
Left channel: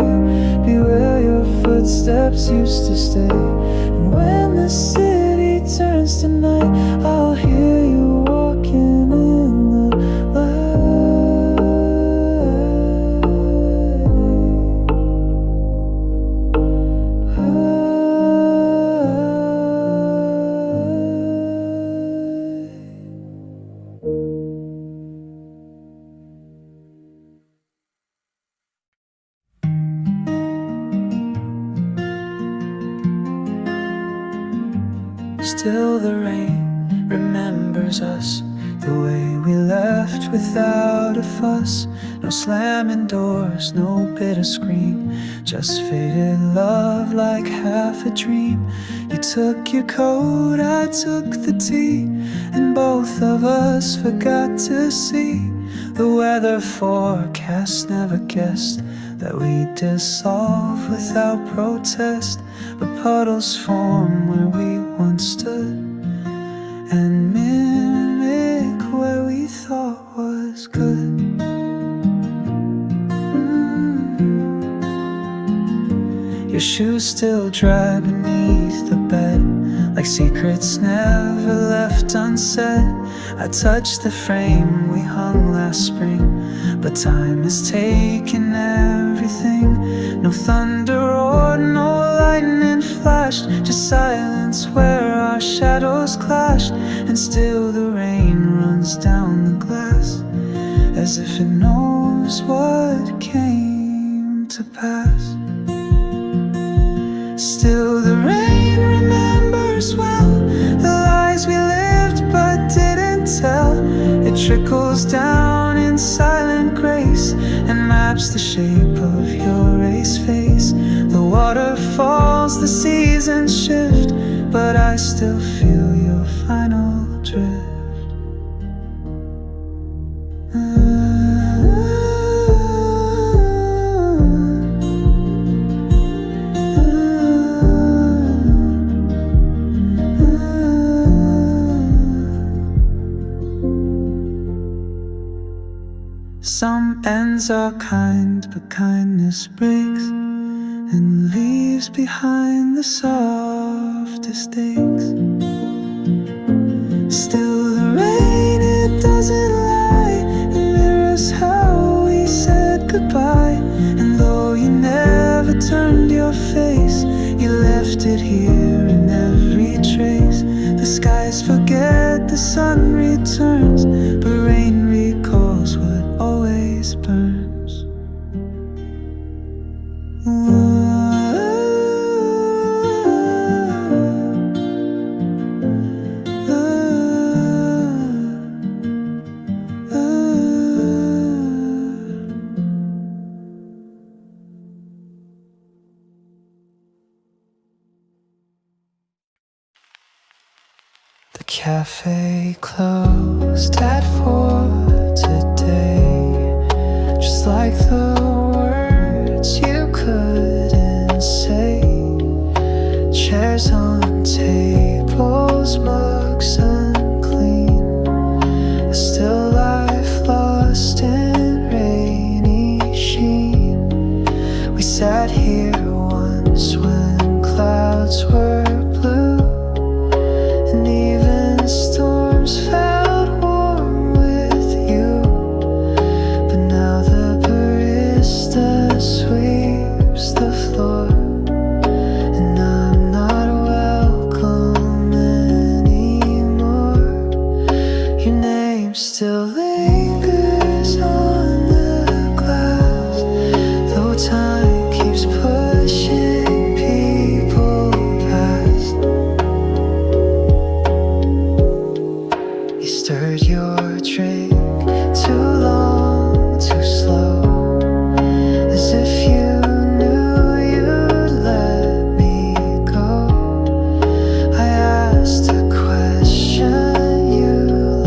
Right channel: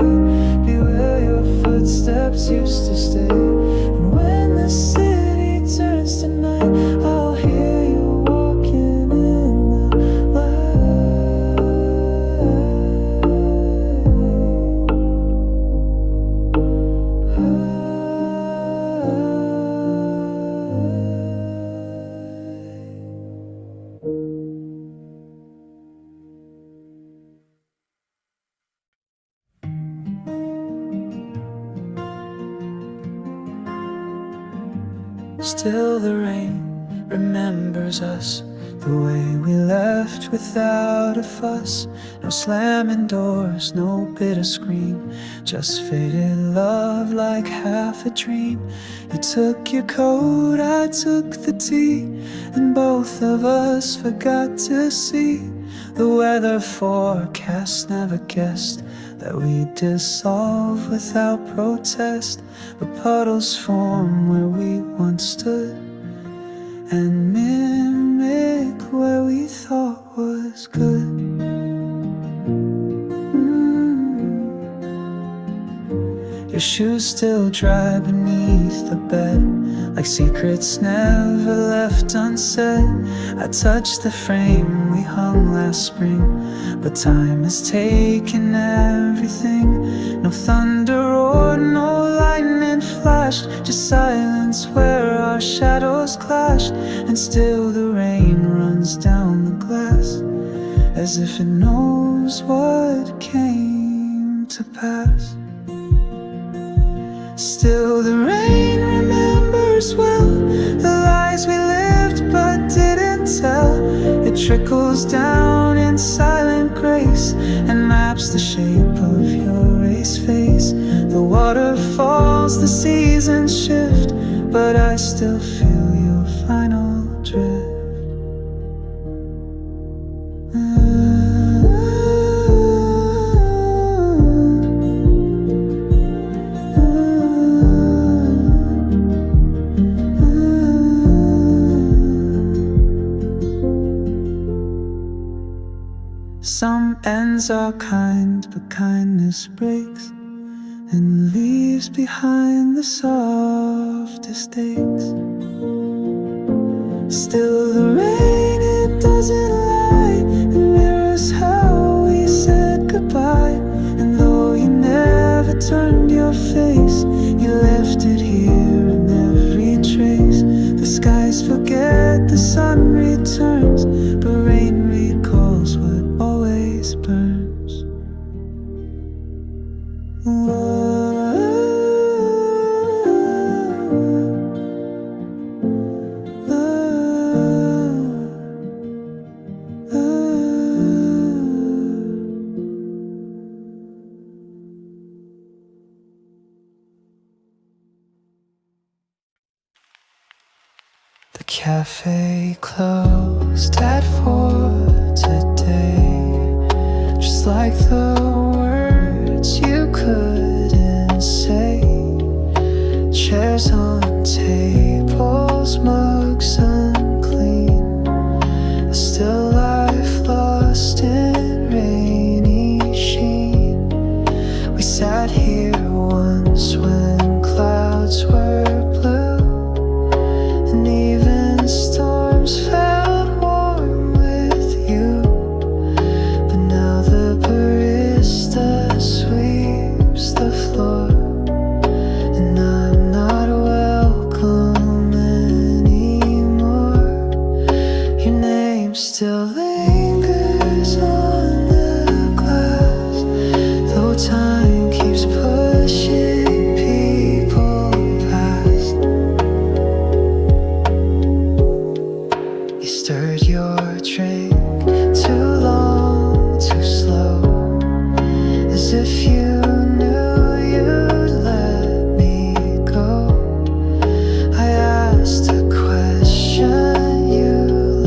be where your footsteps used to stay. And when the city turns to night, I'll hear you walking in the Still the rain remembers us, the way we left without a fuss. No slamming doors, no bitter scream, just faded love like half a dream. You took your coat, I took the tea, and both of us forgot to see the weather forecast. Never guessed that we'd dissolve without protest. But puddles form where we once stood and mimic where we thought was good. Your shoes still dry beneath the bed, like secrets never left unsaid. I touched the frame we hung last spring, but time has taken everything. No thunder roared, no lightning flashed, just silence where our shadows clashed. And still the rain runs down the glass, as if it knows what came to pass. Still the rain remembers well the lies we lived but It trickles down in silent grace and maps the shape of your race face. The water falls, the seasons shift, but I still feel your final drift. Some ends are kind, but kindness breaks and leaves behind the softest aches. Still the rain, it doesn't lie, it mirrors how we said goodbye. And though you never turned your face, you left it here in every trace. The skies forget, the sun returns, but rain recalls what always burns. The cafe closed at 4 today, just like the words you couldn't say. Chairs on tables, mugs unclean, a still life lost in rainy sheen. We sat here once when clouds were blue, and even storms felt warm with you. But now the barista sweeps the floor, and I'm not welcome anymore. Your name still lingers on the glass, though time keeps pushing people past. You stirred your drink too long, too slow, as if you knew you'd let me go. I asked a question, you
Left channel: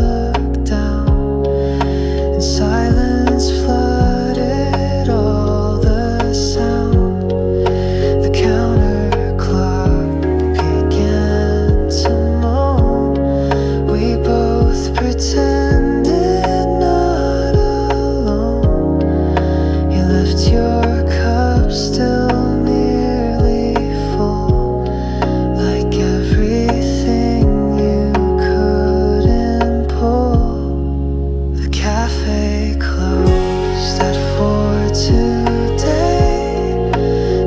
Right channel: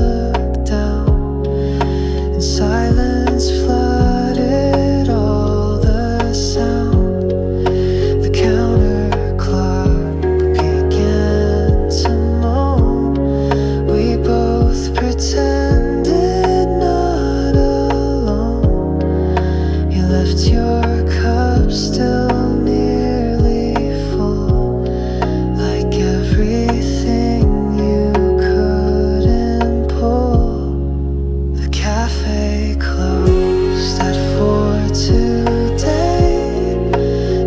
looked down, and silence flooded all the sound. The counter clock began to moan. We both pretended not alone. You left your cup still nearly full, like everything you couldn't pull. The cafe closed at 4 today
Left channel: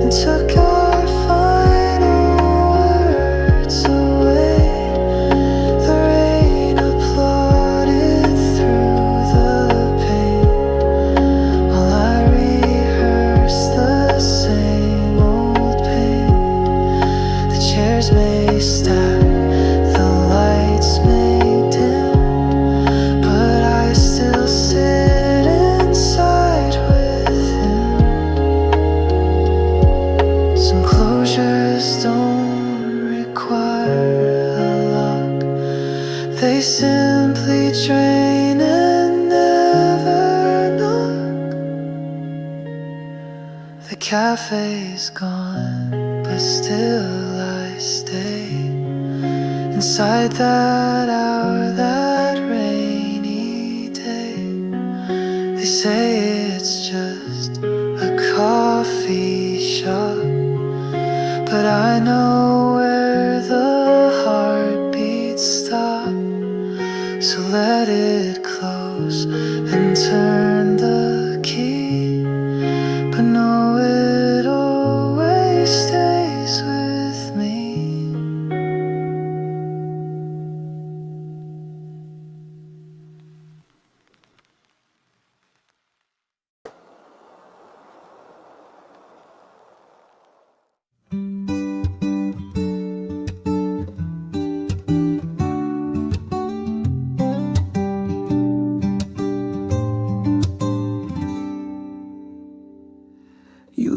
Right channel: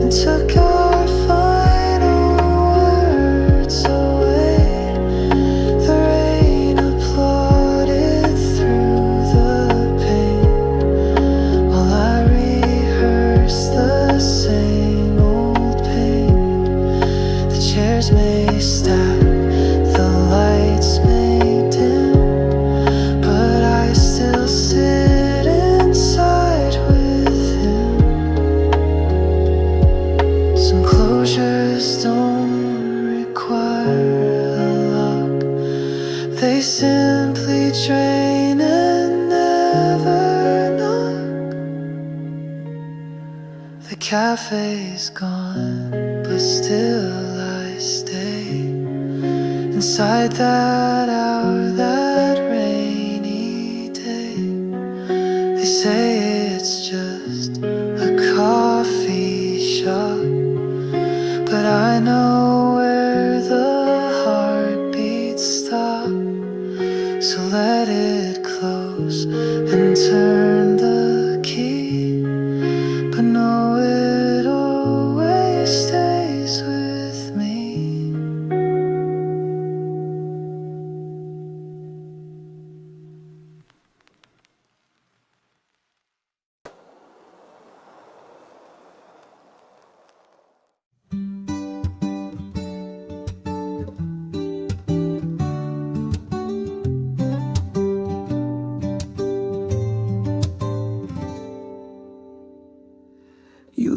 and took our final words away. The rain applauded through the pain, while I rehearsed the same old pain. The chairs may stack, the lights may dim, but I still sit inside with him. Some closures don't require a lock, they simply drain and never knock. The cafe's gone, but still I stay inside that hour, that rainy day. They say it's just a coffee shop, but I know where the heartbeats stop. So let it close and turn the key, but know it always stays with me.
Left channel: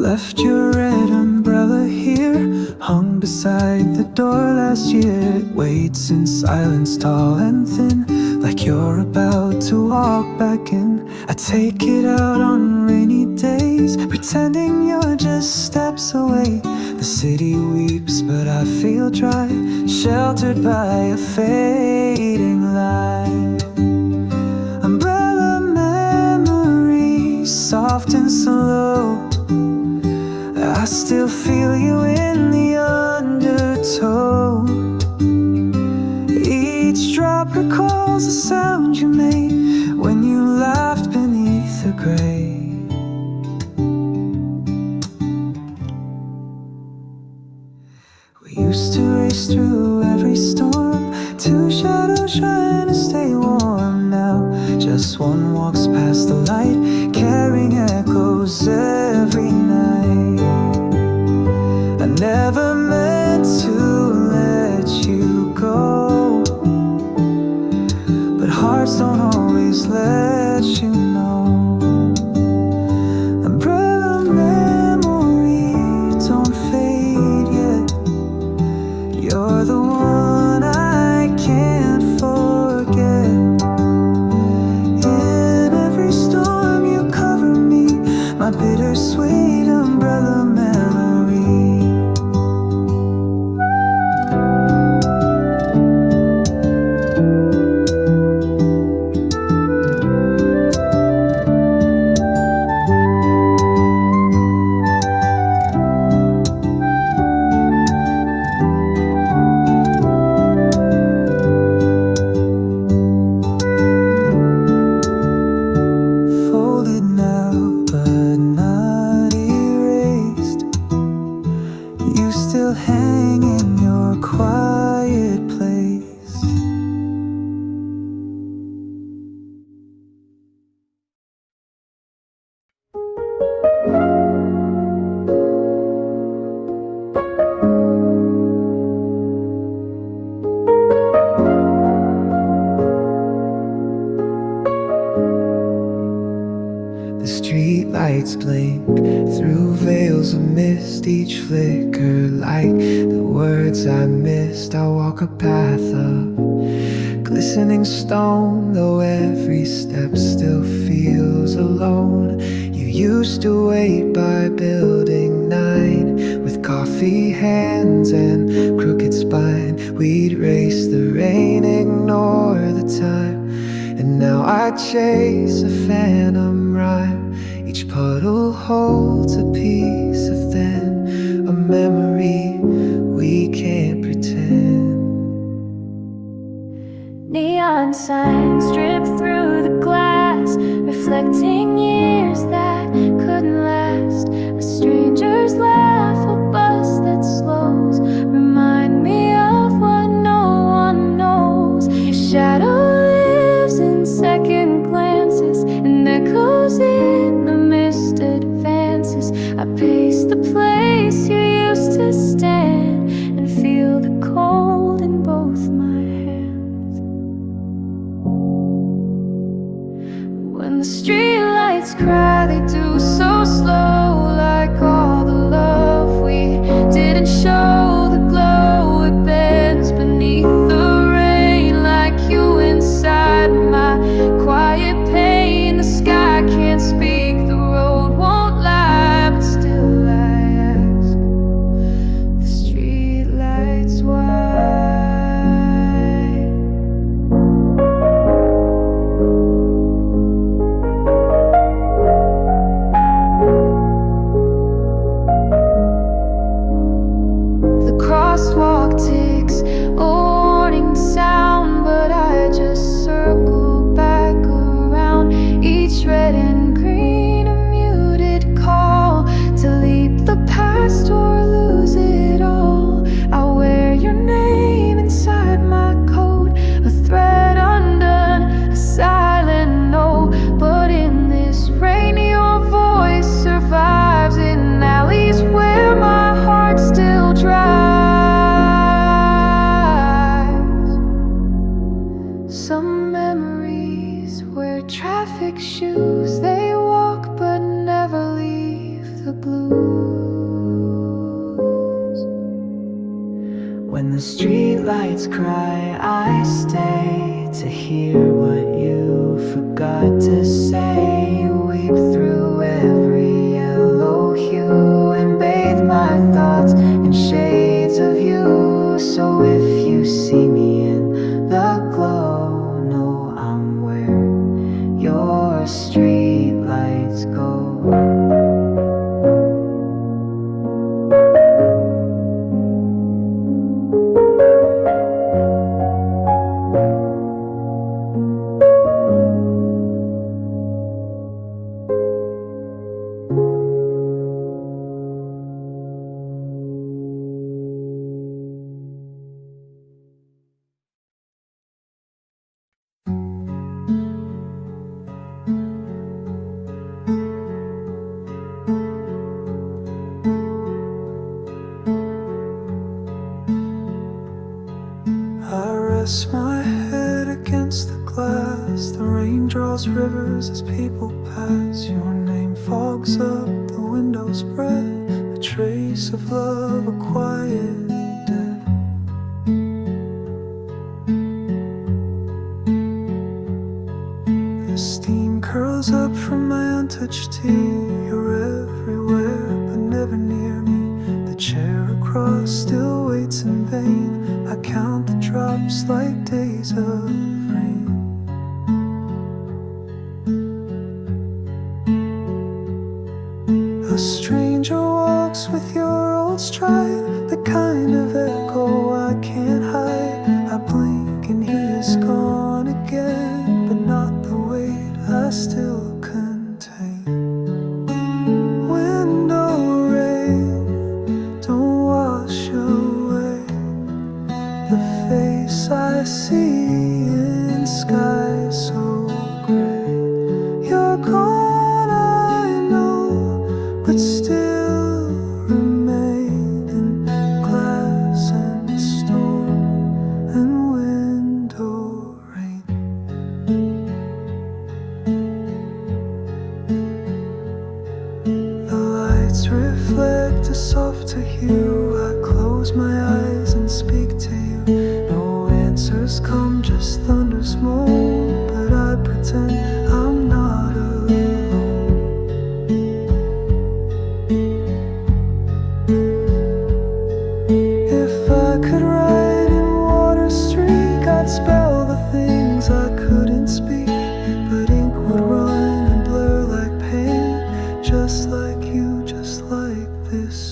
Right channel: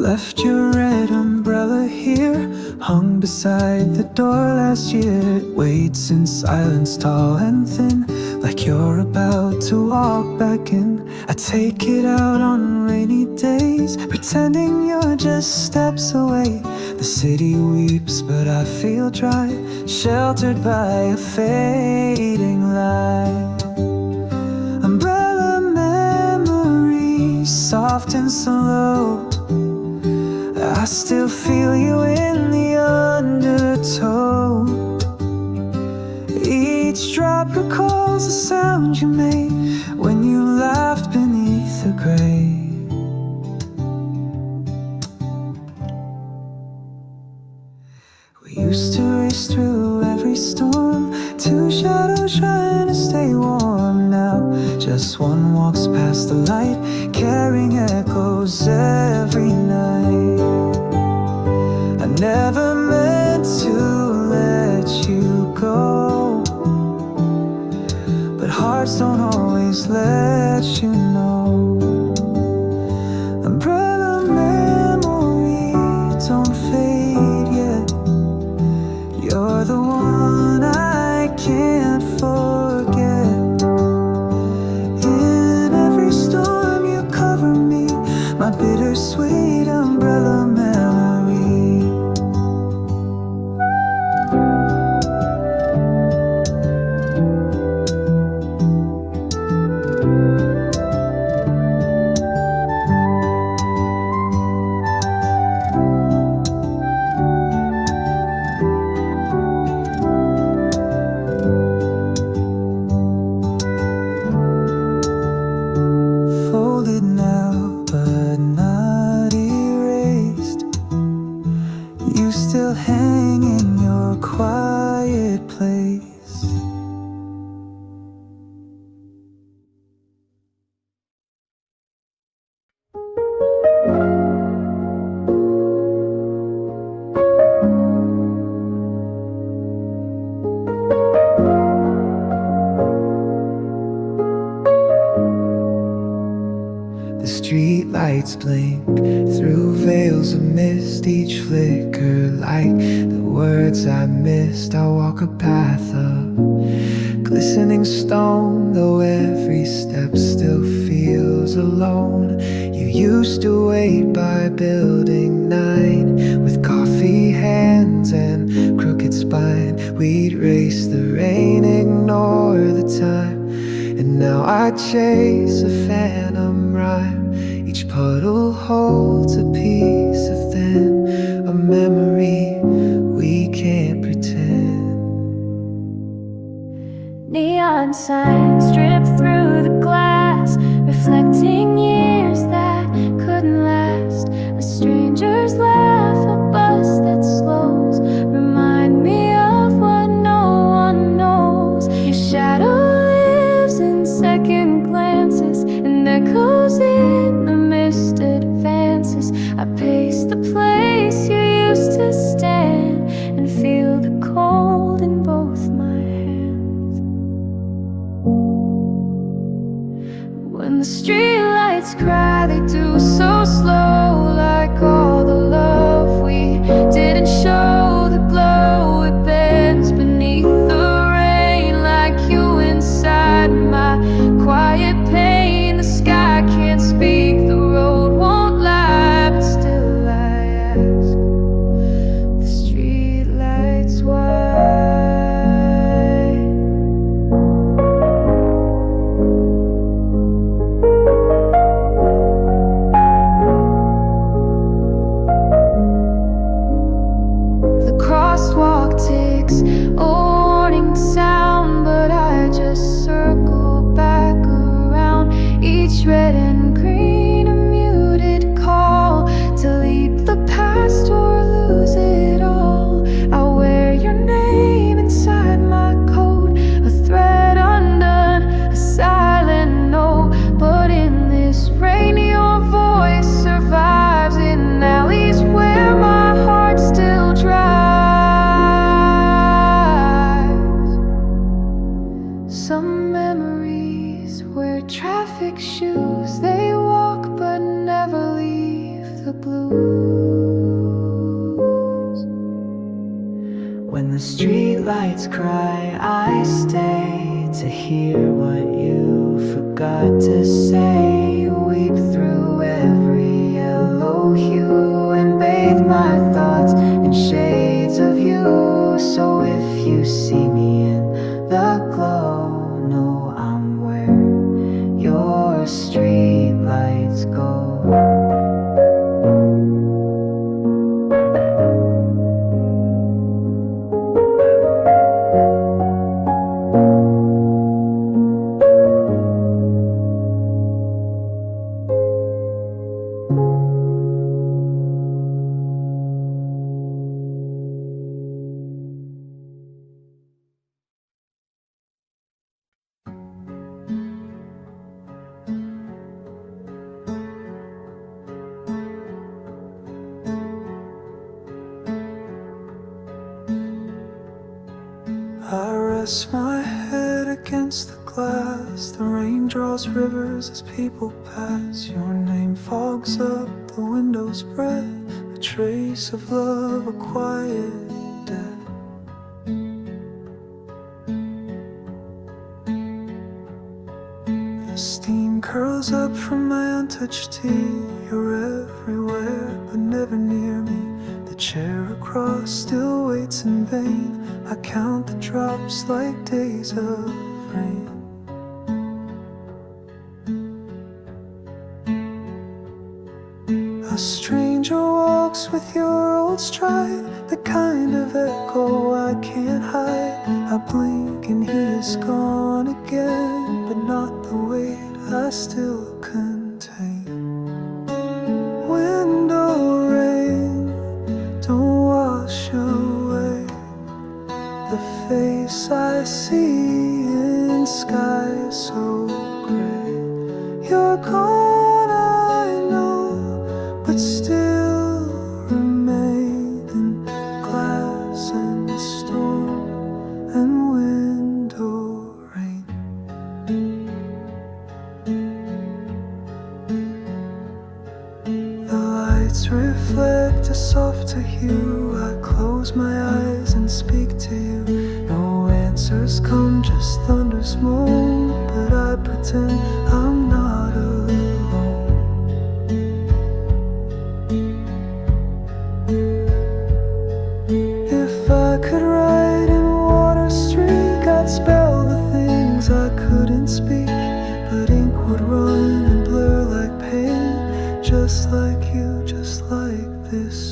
Left your red umbrella here, hung beside the door last year. It waits in silence, tall and thin, like you're about to walk back in. I take it out on rainy days, pretending you're just steps away. The city weeps, but I feel dry, sheltered by a fading light. Umbrella memories, soft and slow. I still feel you in the undertow. Each drop recalls the sound you made when you laughed beneath the gray. We used to race through every storm, two shadows trying to stay warm. Now just one walks past the light, carrying echoes every night. I never meant to let you go, but hearts don't always let you know. Umbrella memory, don't fade yet. You're the one I can't forget. In every storm you cover me, my bittersweet umbrella memory. Folded now, but not erased. You still hang in your quiet place. The street lights blink through veils of mist, each flicker like the words I missed. I walk a path of glistening stone, though every step still feels alone. You used to wait by building 9 with coffee hands and crooked spine. We'd race the rain, ignore the time. And now I chase a phantom rhyme. Each puddle holds a piece of then, a memory we can't pretend. Neon signs drip through the glass, reflecting years that couldn't last. A stranger's laugh, a bus that slows, remind me of what no one knows. Your shadow in second glances and echoes in the mist advances. I pace the place you used to stand and feel the cold in both my hands. When the streetlights cry, they do so slow, like all the love we didn't show. The glow, it bends beneath the rain, like you inside my quiet pain. The sky can't speak, the road won't lie, but still I ask the streetlights why. The crosswalk ticks, a warning sound, but I just circle back around. Each red and green, a muted call to leap the past or lose it all. I wear your name inside my coat, a thread undone, a silent note. But in this rain, your voice survives in alleys where my heart still drives. Some memories wear traffic shoes, they walk but never leave the blues. When the streetlights cry, I stay to hear what you forgot to say. You weep through every yellow hue and bathe my thoughts in shades of you. So if you see me in the glow, know I'm where your streetlights go. I rest my head against the glass. The rain draws rivers as people pass. Your name fogs up the window's breath, a trace of love, a quiet death. The steam curls up from my untouched tea. You're everywhere but never near me. The chair across still waits in vain. I count the drops like days of rain. A stranger walks with your old stride, the kind of echo I can't hide. I blink and he is gone again, but not the weight I still contain. Window rain, don't wash away the face I see in sky so gray. You're gone, I know, but still remain in glass and storm and window rain. The lights reflect a softer hue. I close my eyes and speak to you. No answers come, just thunder's moan, but I pretend I'm not alone. If I could write in water streak, I'd spell the things I couldn't speak, but ink would run and blur like pain, just like you, just like this